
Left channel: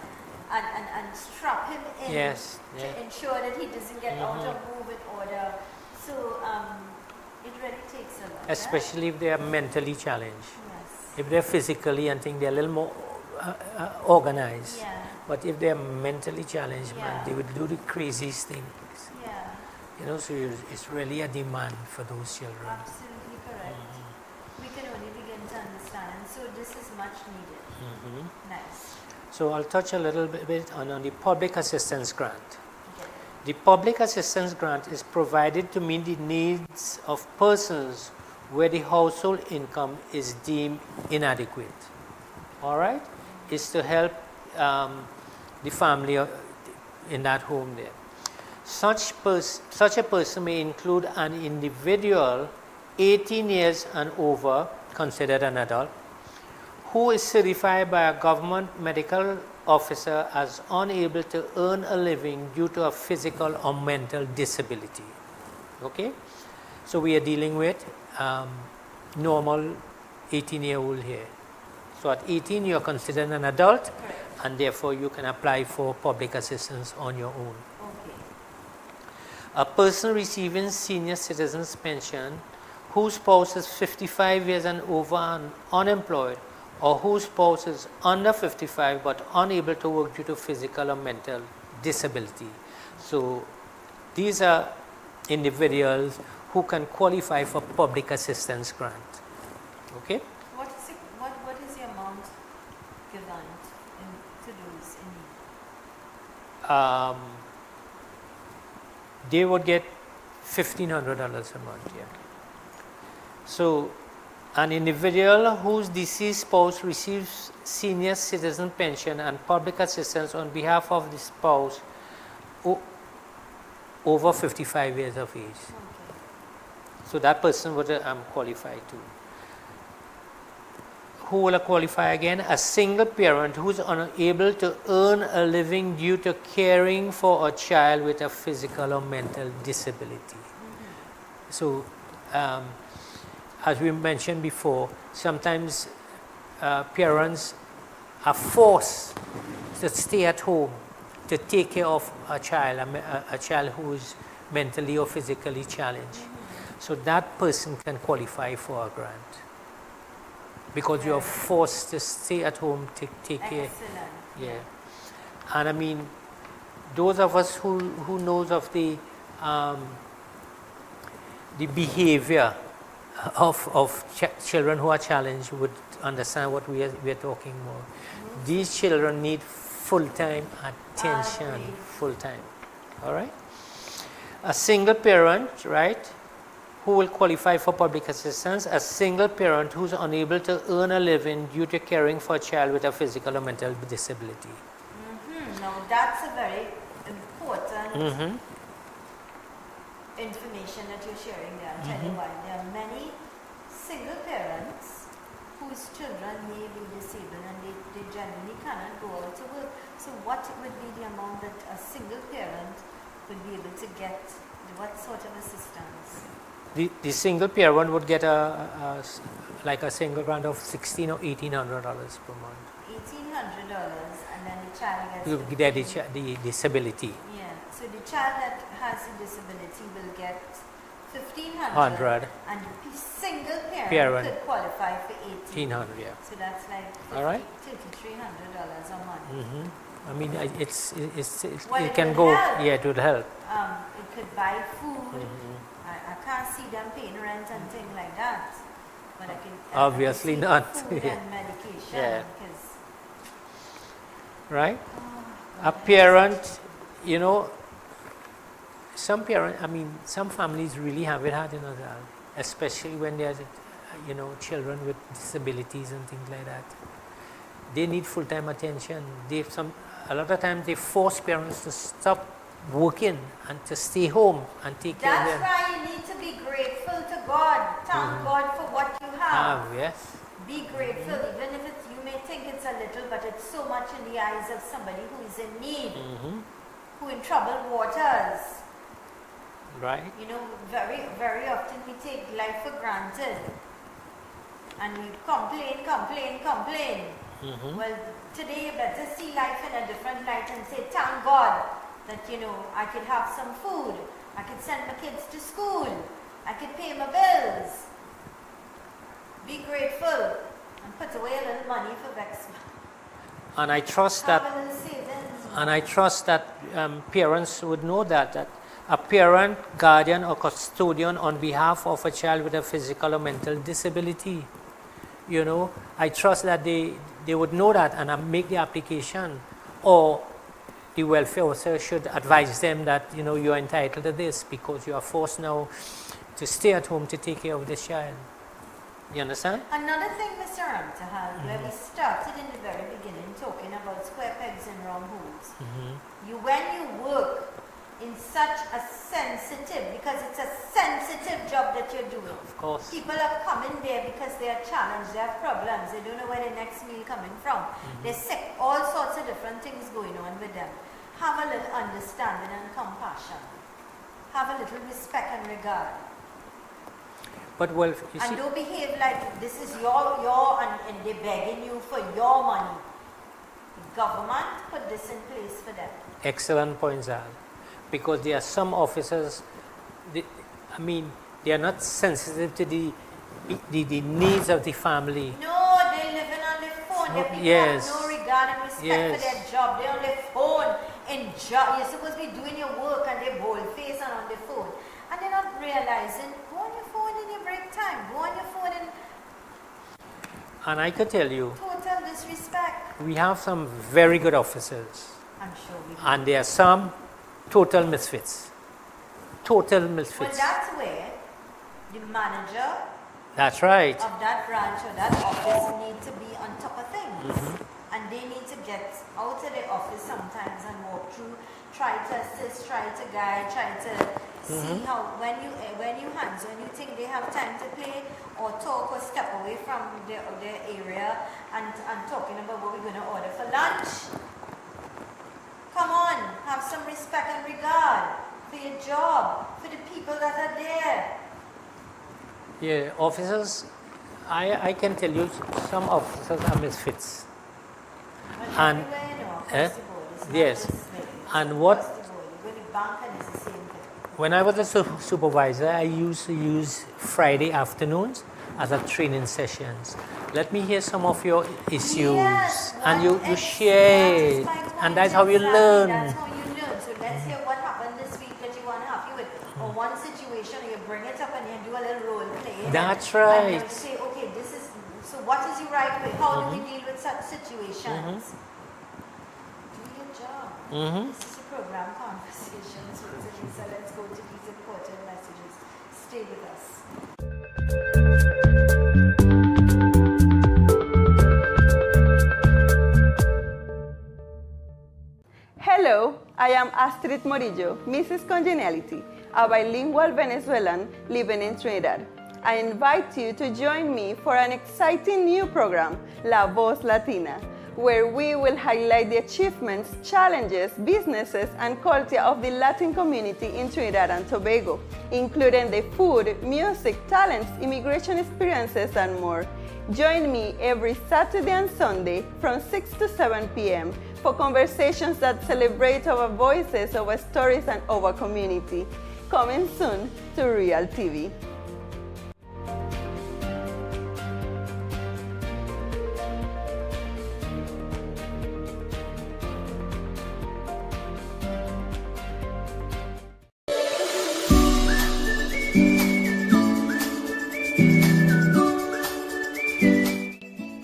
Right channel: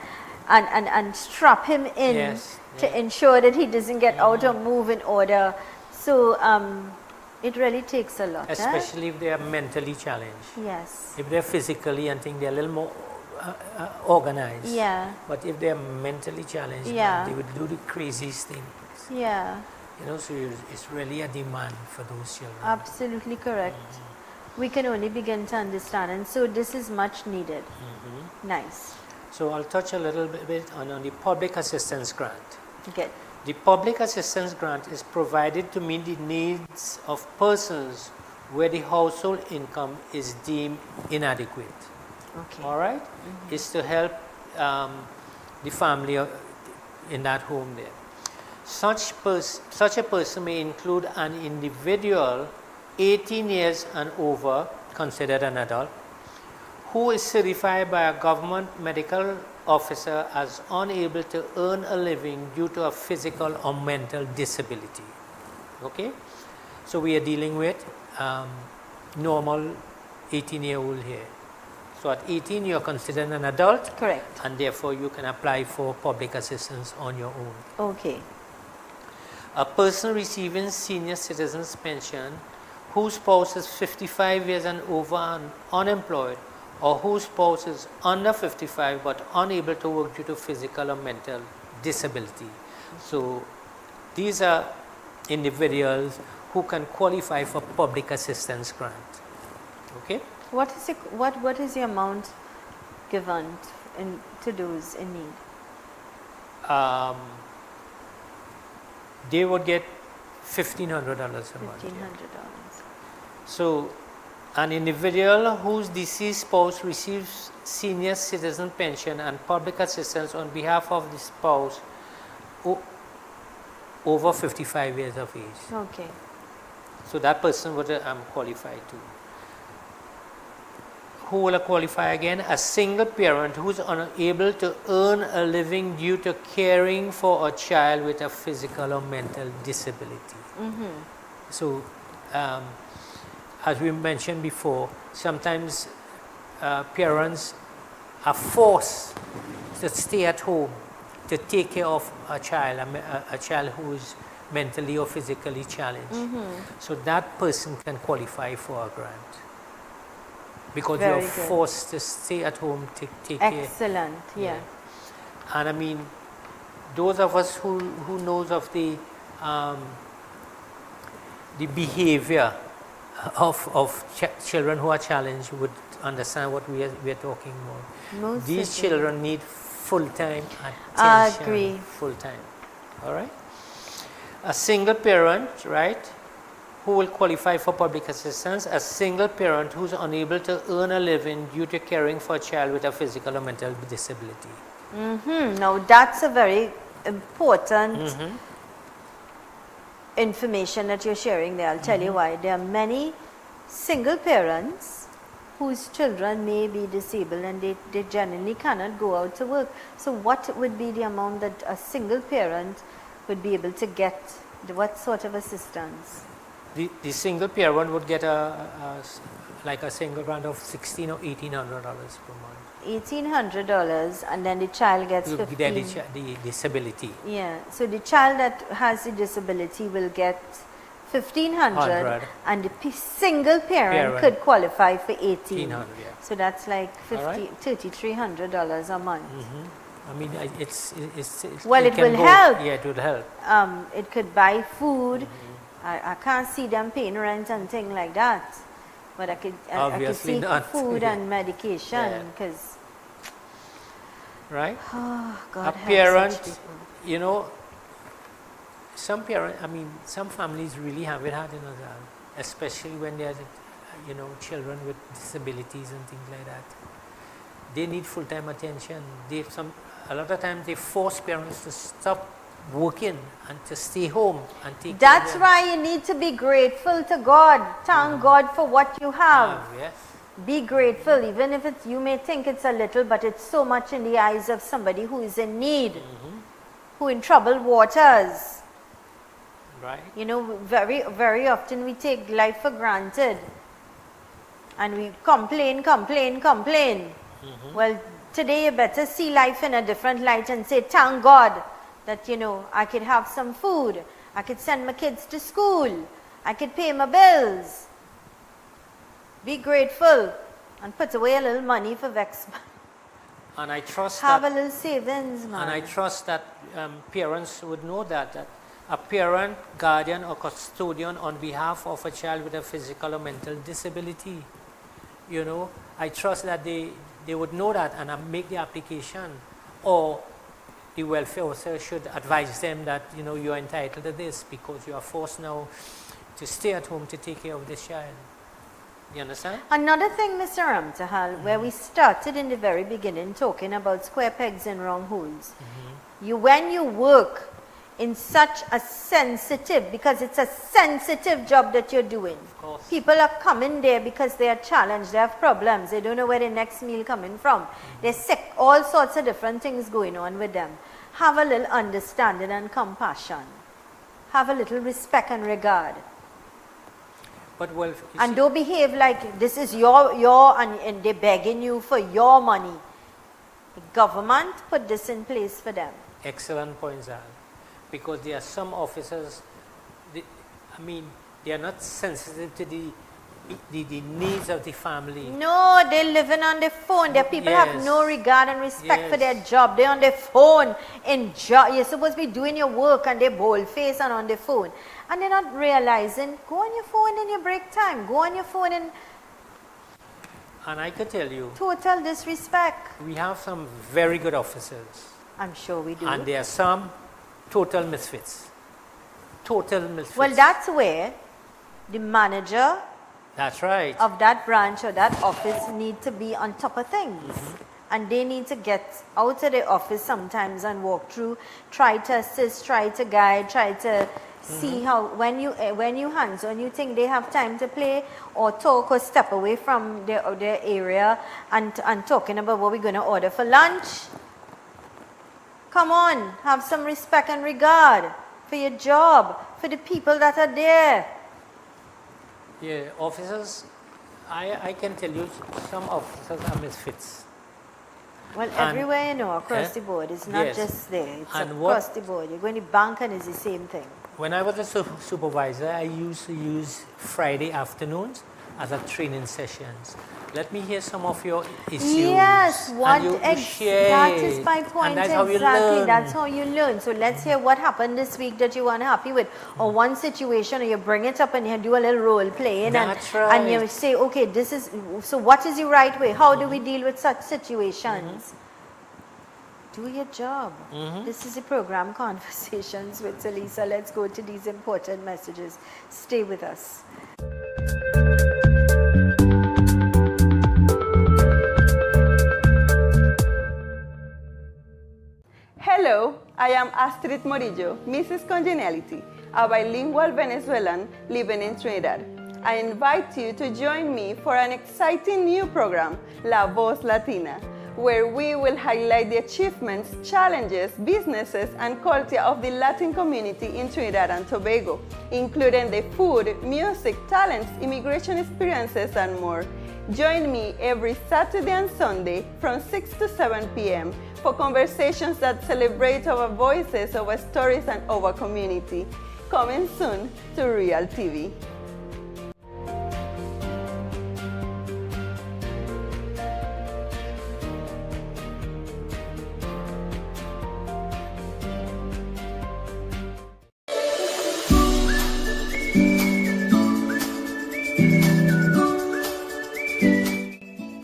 and strap him in to ensure that he doesn't get out or move in order. So it really takes a lot. Especially if they are mentally challenged. Yes. If they're physically and think they're a little more organized. Yeah. But if they're mentally challenged, man, they would do the craziest things. Yeah. You know, so it's really a demand for those children. Absolutely correct. We can only begin to understand, and so this is much needed. Nice. So I'll touch a little bit on the public assistance grant. Okay. The public assistance grant is provided to meet the needs of persons where the household income is deemed inadequate. Okay. All right? It's to help the family in that home there. Such a person may include an individual 18 years and over, considered an adult, who is certified by a government medical officer as unable to earn a living due to a physical or mental disability. Okay? So we are dealing with normal 18-year-old here. So at 18 you are considered an adult. Correct. And therefore you can apply for public assistance on your own. Okay. A person receiving senior citizens pension whose spouse is 55 years and over and unemployed, or whose spouse is under 55 but unable to work due to physical or mental disability. So these are individuals who can qualify for public assistance grant. Okay? What is the amount given to those in need? They would get $1,500 a month. Yeah. So an individual whose deceased spouse receives senior citizen pension and public assistance on behalf of the spouse over 55 years of age. Okay. So that person would qualify too. Who will qualify again? A single parent who is unable to earn a living due to caring for a child with a physical or mental disability. So as we mentioned before, sometimes parents are forced to stay at home to take care of a child who is mentally or physically challenged. So that person can qualify for a grant because you're forced to stay at home to take care. Excellent, yeah. And I mean, those of us who knows of the behavior of children who are challenged would understand what we are talking about. These children need full-time attention, full-time. All right? A single parent, right, who will qualify for public assistance, a single parent who's unable to earn a living due to caring for a child with a physical or mental disability. Now that's a very important information that you're sharing there. I'll tell you why. There are many single parents whose children may be disabled and they generally cannot go out to work. So what would be the amount that a single parent would be able to get? What sort of assistance? The single parent would get like a single grant of $1,600 or $1,800 per month. $1,800, and then the child gets the disability. Yeah, so the child that has the disability will get $1,500, and the single parent could qualify for $1,800. Yeah. So that's like $3,300 a month. I mean, well, it can will go. Help. Yeah, it would help. It could buy food. I can't see them paying rent and things like that, but I could obviously I could see not food and medication because right. A parent, you know, some parents. I mean, some families really have it hard in Azal, especially when there's children with disabilities and things like that. They need full-time attention. A lot of times they force parents to stop working and to stay home and take care of them. That's why you need to be grateful to God. Thank God for what you have. Yes. Be grateful, even if you may think it's a little, but it's so much in the eyes of somebody who is in need, who in troubled waters. Right. You know, very, very often we take life for granted and we complain. Well, today you better see life in a different light and say, thank God that, I could have some food. I could send my kids to school. I could pay my bills. Be grateful and put away a little money for Vex. And I trust have a little savings. And I trust that parents would know that a parent, guardian or custodian on behalf of a child with a physical or mental disability, I trust that they would know that and make the application, or the welfare officer should advise them that you are entitled to this because you are forced now to stay at home to take care of this child. You understand? Another thing, Mr. Ramtahal, where we started in the very beginning talking about square pegs and round holes. When you work in such a sensitive, because it's a sensitive job that you're doing. Of course. People are coming there because they are challenged, they have problems, they don't know where their next meal coming from. They're sick, all sorts of different things going on with them. Have a little understanding and compassion. Have a little respect and regard. But and don't behave like this is your and they're begging you for your money. The government put this in place for them. Excellent points, Al. Because there are some officers, They are not sensitive to the needs of the family. No, they're living on their phone. Their people have Yes. no regard and respect for Yes. their job. They're on their phone. You're supposed to be doing your work and they're bold faced and on their phone. And they're not realizing, go on your phone in your break time. Go on your phone in And I could tell you, total disrespect. we have some very good officers. I'm sure we do. And there are some total misfits. Total misfits. Well, that's where the manager That's right. of that branch or that office need to be on top of things. And they need to get out of the office sometimes and walk through, try to assist, try to guide, try to see how, when you hands on, you think they have time to play or talk or step away from their area and talking about what we're going to order for lunch. Come on, have some respect and regard for your job, for the people that are there. Yeah, officers, I can tell you some officers are misfits. Well, And- everywhere, you know, across the board. It's not yes. just there. It's And across what- the board. You go in the bank and it's the same thing. When I was a supervisor, I used to use Friday afternoons as a training sessions. Let me hear some of your issues. Yes, and you that share is it. my point. And that's how you exactly. learn. That's how you learn. So let's hear what happened this week that you weren't happy with. Or one situation, or you bring it up and you do a little role play. That's And right. you say, okay, this is, so what is the right way? How do we deal with such situations? Do your job. This is the program Conversations with Zelisa. Let's go to these important messages. Stay with us. Hello, I am Astrid Morillo, Mrs. Congeniality, a bilingual Venezuelan living in Trinidad. I invite you to join me for an exciting new program, La Voz Latina, where we will highlight the achievements, challenges, businesses, and culture of the Latin community in Trinidad and Tobago, including the food, music, talents, immigration experiences, and more. Join me every Saturday and Sunday from 6 to 7 p.m. for conversations that celebrate our voices, our stories, and our community. Coming soon to Real TV.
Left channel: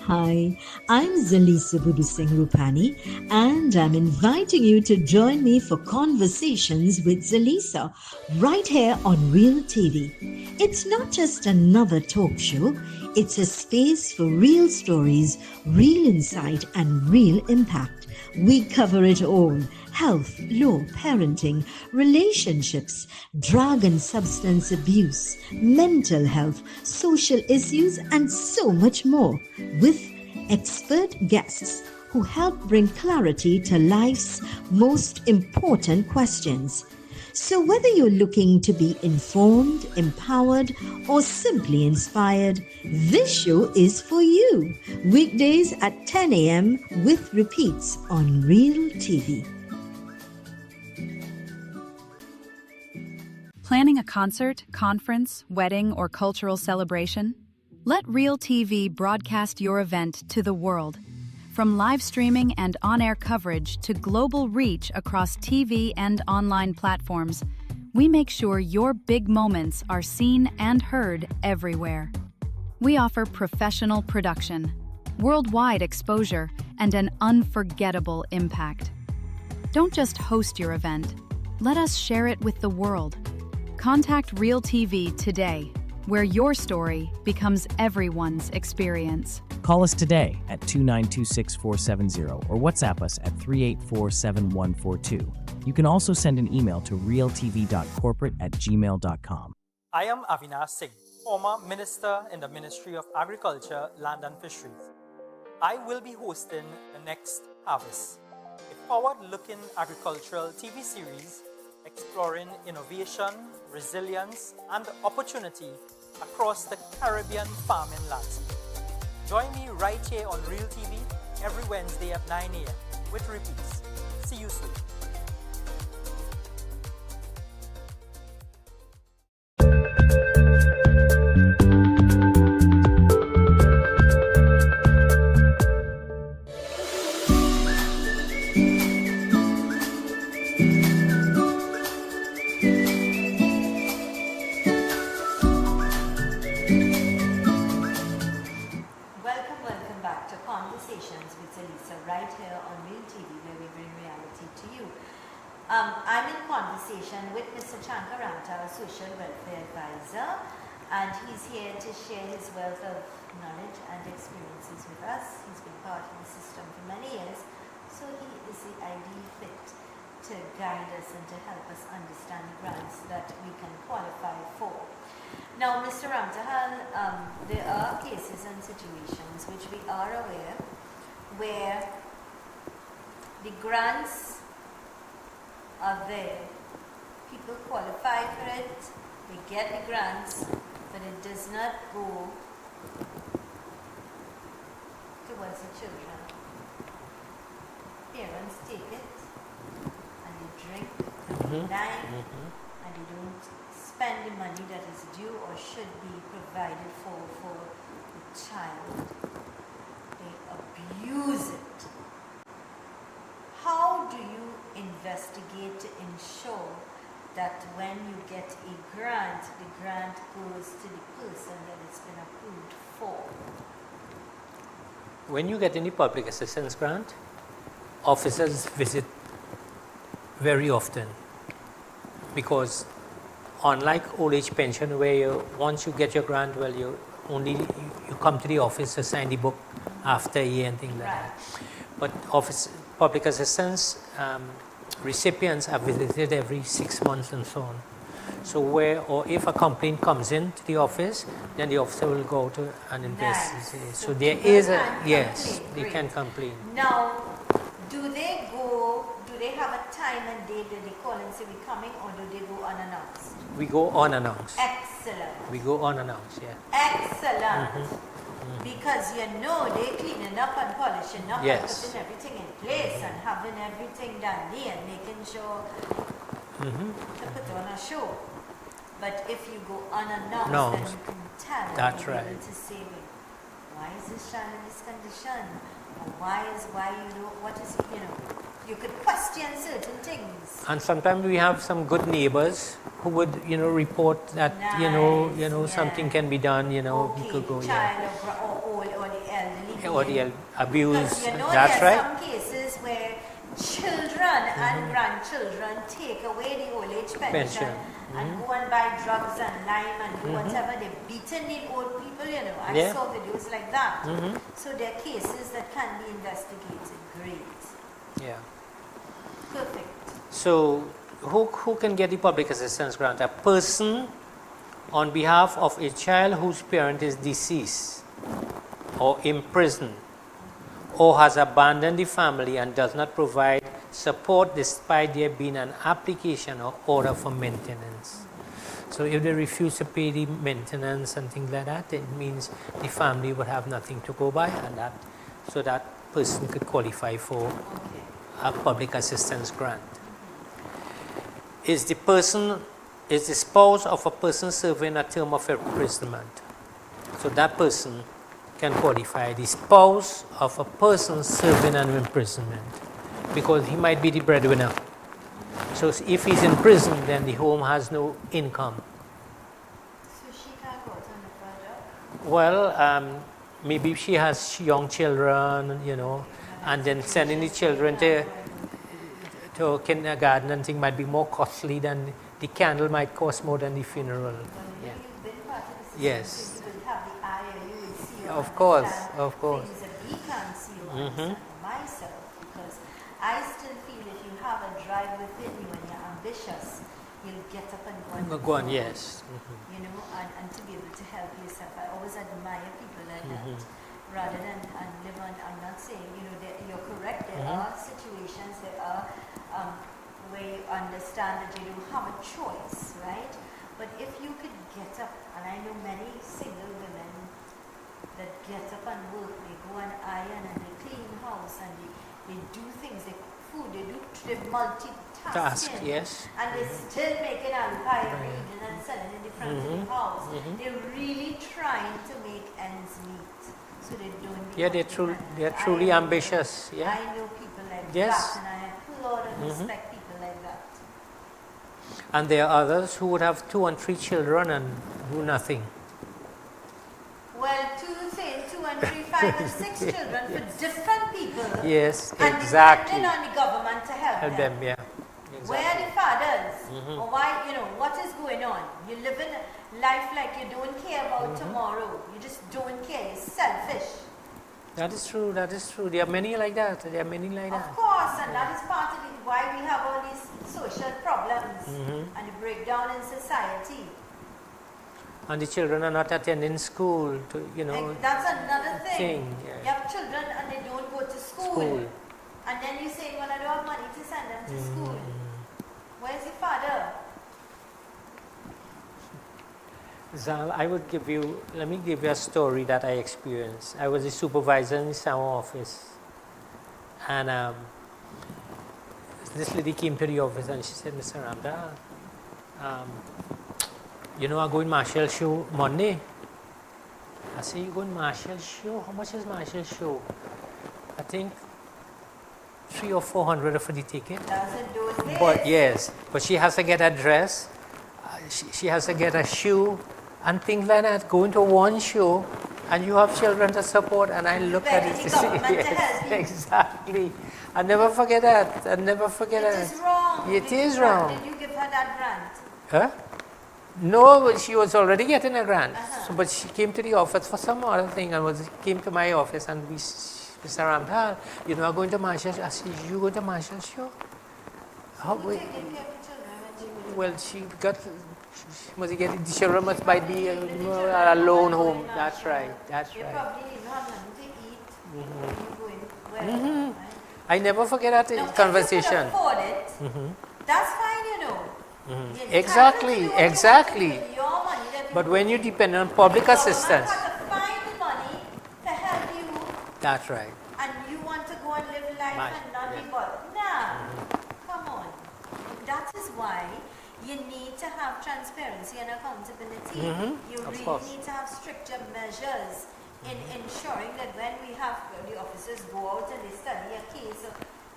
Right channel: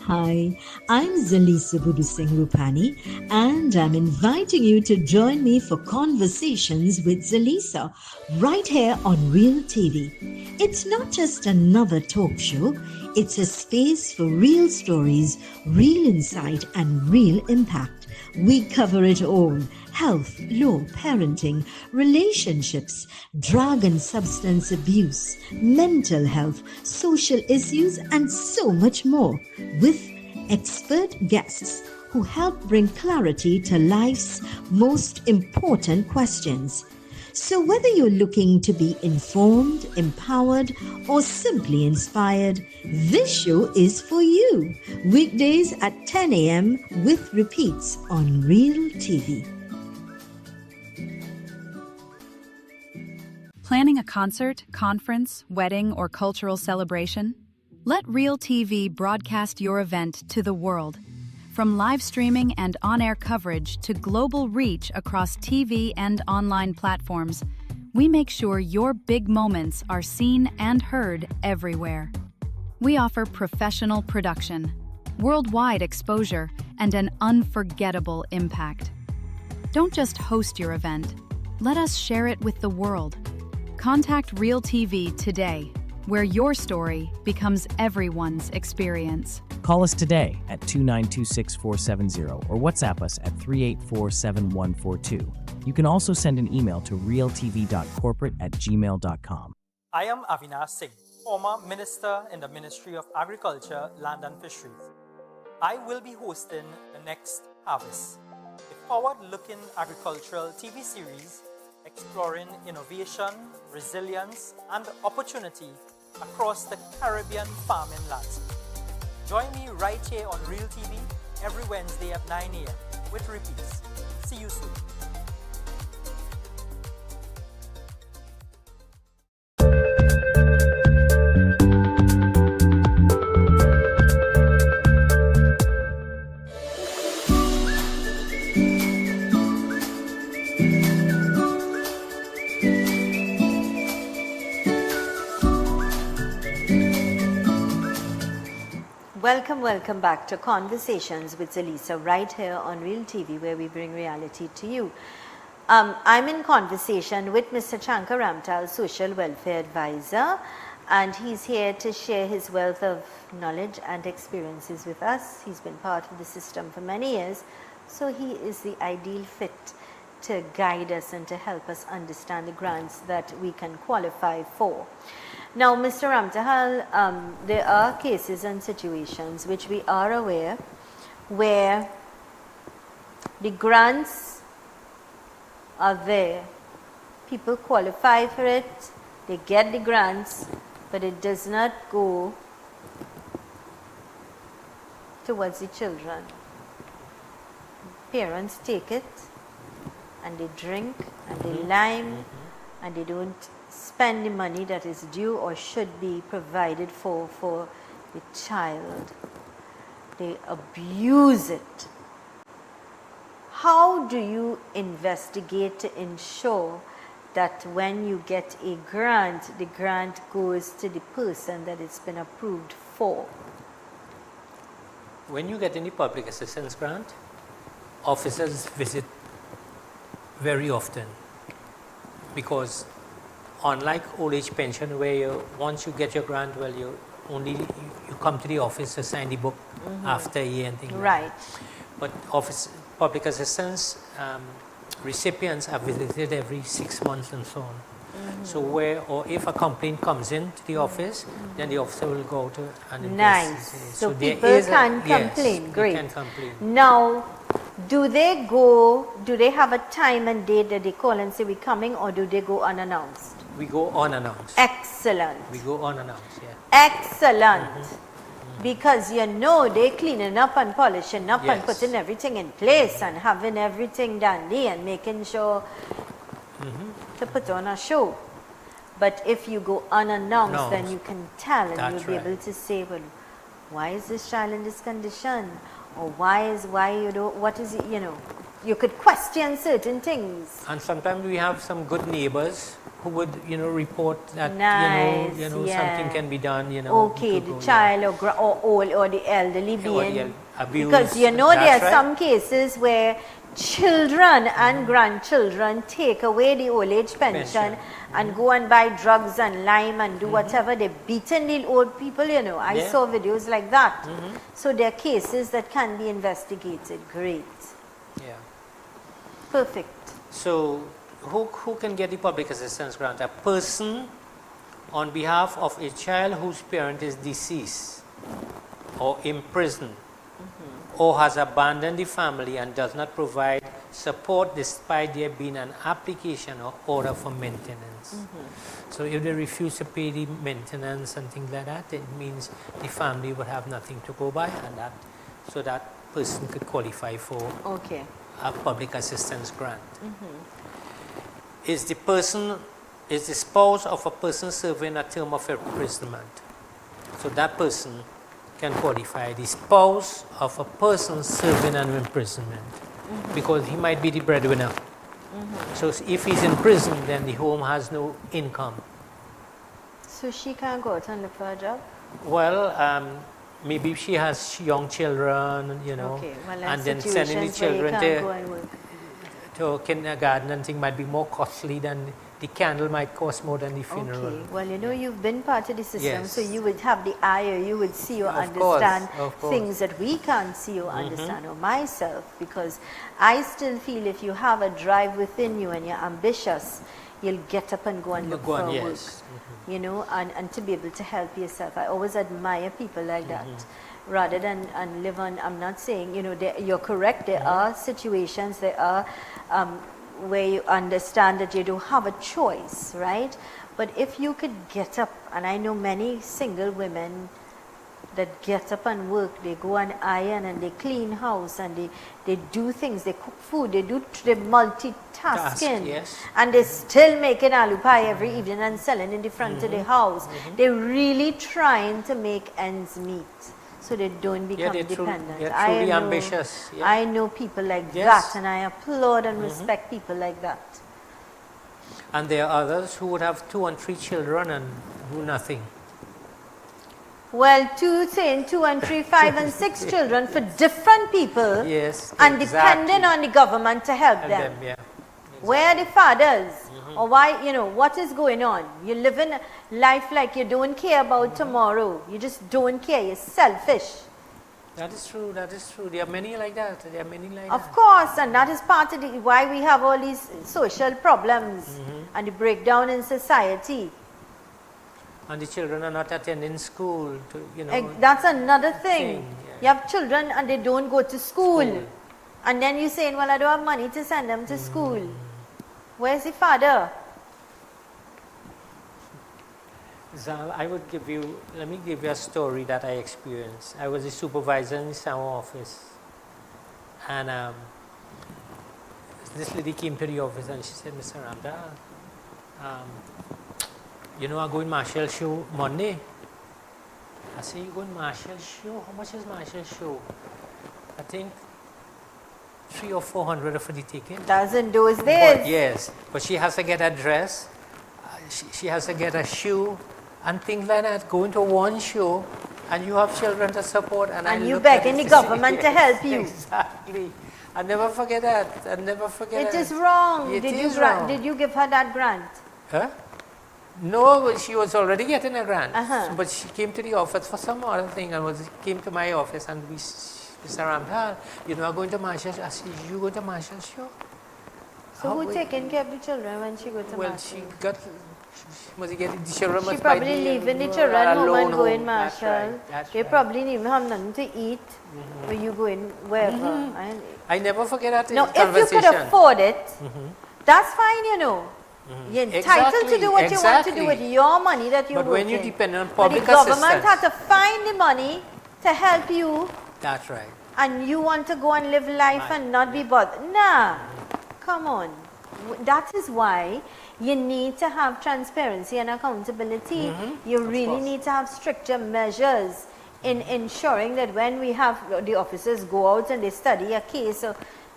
Hi, I'm Zelisa Rupani, and I'm inviting you to join me for Conversations with Zelisa right here on Real TV. It's not just another talk show, it's a space for real stories, real insight, and real impact. We cover it all: health, law, parenting, relationships, drug and substance abuse, mental health, social issues, and so much more, with expert guests who help bring clarity to life's most important questions. So whether you're looking to be informed, empowered, or simply inspired, this show is for you. Weekdays at 10 a.m. with repeats on Real TV. Planning a concert, conference, wedding, or cultural celebration? Let Real TV broadcast your event to the world. From live streaming and on-air coverage to global reach across TV and online platforms, we make sure your big moments are seen and heard everywhere. We offer professional production, worldwide exposure, and an unforgettable impact. Don't just host your event. Let us share it with the world. Contact Real TV today, where your story becomes everyone's experience. Call us today at 2926470 or WhatsApp us at 3847142. You can also send an email to realtv.corporate@gmail.com. I am Avinash Singh, former Minister in the Ministry of Agriculture, Land and Fisheries. I will be hosting the next Harvest, a forward-looking agricultural TV series exploring innovation, resilience, and opportunity across the Caribbean farming landscape. Join me right here on Real TV every Wednesday at 9 a.m. with repeats. See you soon. welcome back to Conversations with Zelisa right here on Real TV, where we bring reality to you. I'm in conversation with Mr. Chankar Ramtal, Social Welfare Advisor, and he's here to share his wealth of knowledge and experiences with us. He's been part of the system for many years, so he is the ideal fit to guide us and to help us understand the grants that we can qualify for. Now, Mr. Ramtahal, there are cases and situations which we are aware where the grants are there. People qualify for it, they get the grants, but it does not go towards the children. Parents take it and they drink and they lime and they don't spend the money that is due or should be provided for the child. They abuse it. How do you investigate to ensure that when you get a grant, the grant goes to the person that it's been approved for? When you get any public assistance grant, officers visit very often, because unlike old age pension where once you get your grant, well, you come to the office to sign the book after a year and things like that. But public assistance recipients are visited every 6 months and so on. So if a complaint comes in to the office, then the officer will go to and investigate. Nice. So there is can yes, complain. they can complain. Now, do they have a time and date that they call and say we're coming, or do they go unannounced? We go unannounced. Excellent. We go unannounced, yeah. Excellent. Because they're cleaning up and polishing up and putting everything in place and having everything dandy and making sure to put on a show. But if you go unannounced, then you can tell and you'll be able to say, well, why is this child in this condition? Or what is it, you could question certain things. And sometimes we have some good neighbors who would, report that, something can be done, Okay, the child or old or the elderly being. Or the abuse. Because there are some cases where children and grandchildren take away the old age pension. And go and buy drugs and lime and do whatever. They're beating the old people, I saw videos like that. So there are cases that can be investigated. Great. Yeah. Perfect. So who can get the public assistance grant? A person on behalf of a child whose parent is deceased or imprisoned or has abandoned the family and does not provide support despite there being an application or order for maintenance. So if they refuse to pay the maintenance and things like that, it means the family would have nothing to go by, and that person could qualify for a public assistance grant. Is the spouse of a person serving a term of imprisonment, so that person can qualify. The spouse of a person serving an imprisonment, because he might be the breadwinner. So if he's in prison, then the home has no income. So she can't go out and look for a job? Well, maybe she has young children, and then sending the children to kindergarten and things might be more costly than the candle might cost more than the funeral. Okay. Well, you've been part of the system, so you would have the eye, or you would see or of understand course. Things that we can't see or understand, or myself, because I still feel if you have a drive within you and you're ambitious, you'll get up and go and look forward. Yes. And to be able to help yourself. I always admire people like that. Rather than live on, I'm not saying, you're correct, there are situations, there are where you understand that you don't have a choice, right? But if you could get up, and I know many single women that get up and work, they go and iron and they clean house and they do things, they cook food, they're multitasking, and they still making aloo pie every evening and selling in the front of the house. They're really trying to make ends meet, so they don't become dependent. They're truly ambitious. I know people like that, and I applaud and respect people like that. And there are others who would have 2 and 3 children and do nothing. Well, 2 saying 2 and 3, 5 and 6 children for different people. Yes, and exactly. depending on the government to help Help them. them, yeah. Where are the fathers? Or why, what is going on? You live in life like you don't care about tomorrow. You just don't care. You're selfish. That is true, that is true. There are many like that. There are many like Of that. course, and that is part of why we have all these social problems and the breakdown in society. And the children are not attending school That's another thing. yeah. You have children and they don't go to school. And then you're saying, well, I don't have money to send them to school. Where's the father? Zal, let me give you a story that I experienced. I was a supervisor in the summer office. And this lady came to the office and she said, Mr. Ramdal, I'm going Marshall show Monday. I said, you going Marshall show? How much is Marshall show? I think 300 or 400 for the ticket. That's in those days. But yes, but she has to get a dress, she has to get a shoe, and things like that. Going to one show, and you have children to support, and I look at it. And you begging the government to help you. Exactly. I never forget that. I never forget that. It is wrong. It is wrong. Did you give her that grant? Huh? No, but she was already getting a grant. Uh-huh. But she came to the office for some other thing and came to my office and Mr. Ramdal, I'm going to Marshall. I said, you go to Marshall show? So who taking care of the children when she goes to Well, Marshall? she must get the children must buy probably leaving the the children alone home and home. going That's Marshall. right. That's They right. probably didn't even have nothing to eat when you go in wherever. I never forget that No, conversation. if you could afford it, that's fine, You're entitled Exactly, to do what exactly. you want to do with your money that you But when you working. depend on But public the government assistance, had to find the money to help you, that's right. and you want to go and live life and not be bothered. Nah, come on. That is why you need to have transparency and accountability. You Of really course. need to have stricter measures in ensuring that when we have the officers go out and they study a case,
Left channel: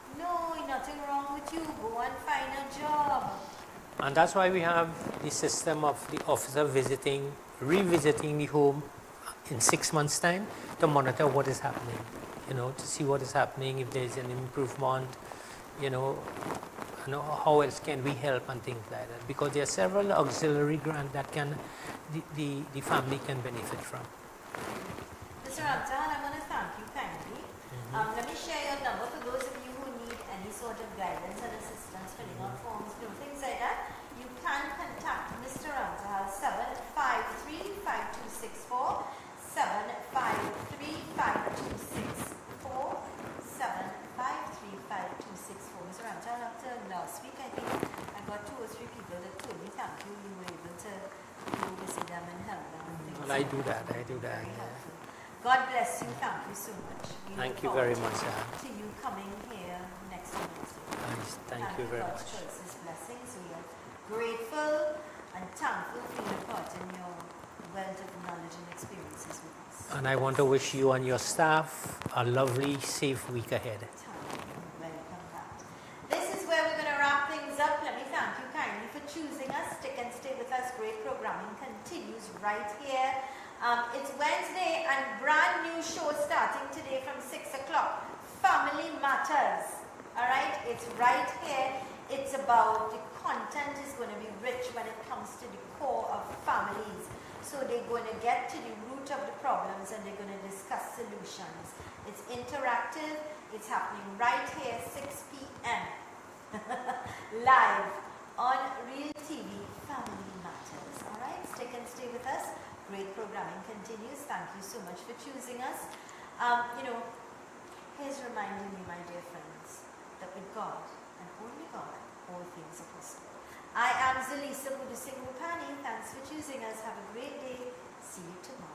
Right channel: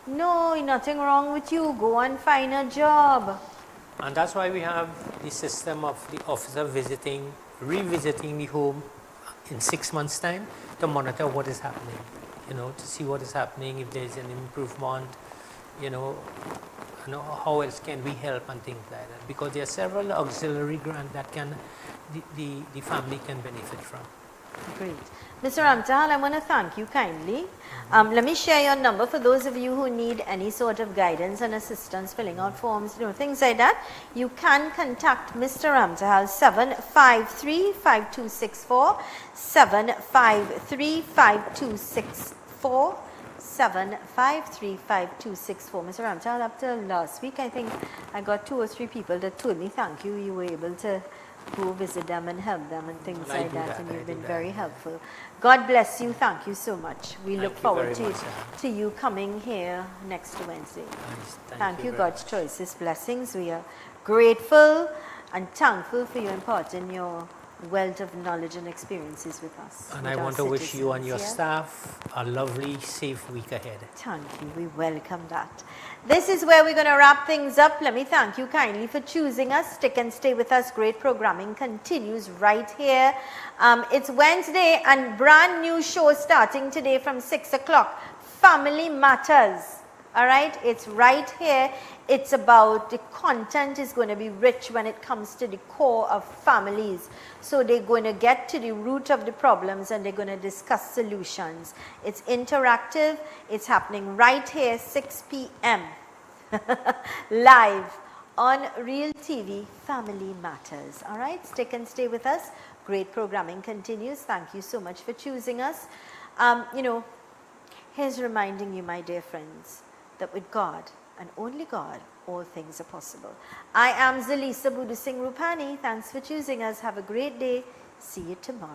no, nothing wrong with you, go and find a job. And that's why we have the system of the officer revisiting the home in 6 months' time to monitor what is happening, to see what is happening, if there's an improvement, how else can we help and things like that. Because there are several auxiliary grants that the family can benefit from. Great. Mr. Ramdal, I want to thank you kindly. Let me share your number for those of you who need any sort of guidance and assistance, filling out forms, things like that. You can contact Mr. Ramdal 753-5264, 753-5264, 753-5264. Mr. Ramdal, up till last week, I think I got 2 or 3 people that told me thank you. You were able to go visit them and help them and things Well, I like do that, And I you've do been that, very yeah. helpful. God bless you. Thank you so much. We Thank look you forward very to, much, Sarah. to you coming here next Wednesday. Nice. Thank you, very God's much. choices, blessings. We are grateful and thankful for you imparting your wealth of knowledge and experiences with us. And with I our want to wish you and your citizens, staff a lovely, safe week ahead. Thank you. We welcome that. This is where we're going to wrap things up. Let me thank you kindly for choosing us. Stick and stay with us. Great programming continues right here. It's Wednesday and brand new show starting today from 6 o'clock. Family Matters. All right? It's right here. It's about the content is going to be rich when it comes to the core of families. So they're going to get to the root of the problems and they're going to discuss solutions. It's interactive. It's happening right here, 6 p.m. live on Real TV, Family Matters. All right, stick and stay with us. Great programming continues. Thank you so much for choosing us. Here's reminding you, my dear friends, that with God and only God, all things are possible. I am Zelisa Rupani. Thanks for choosing us. Have a great day. See you tomorrow.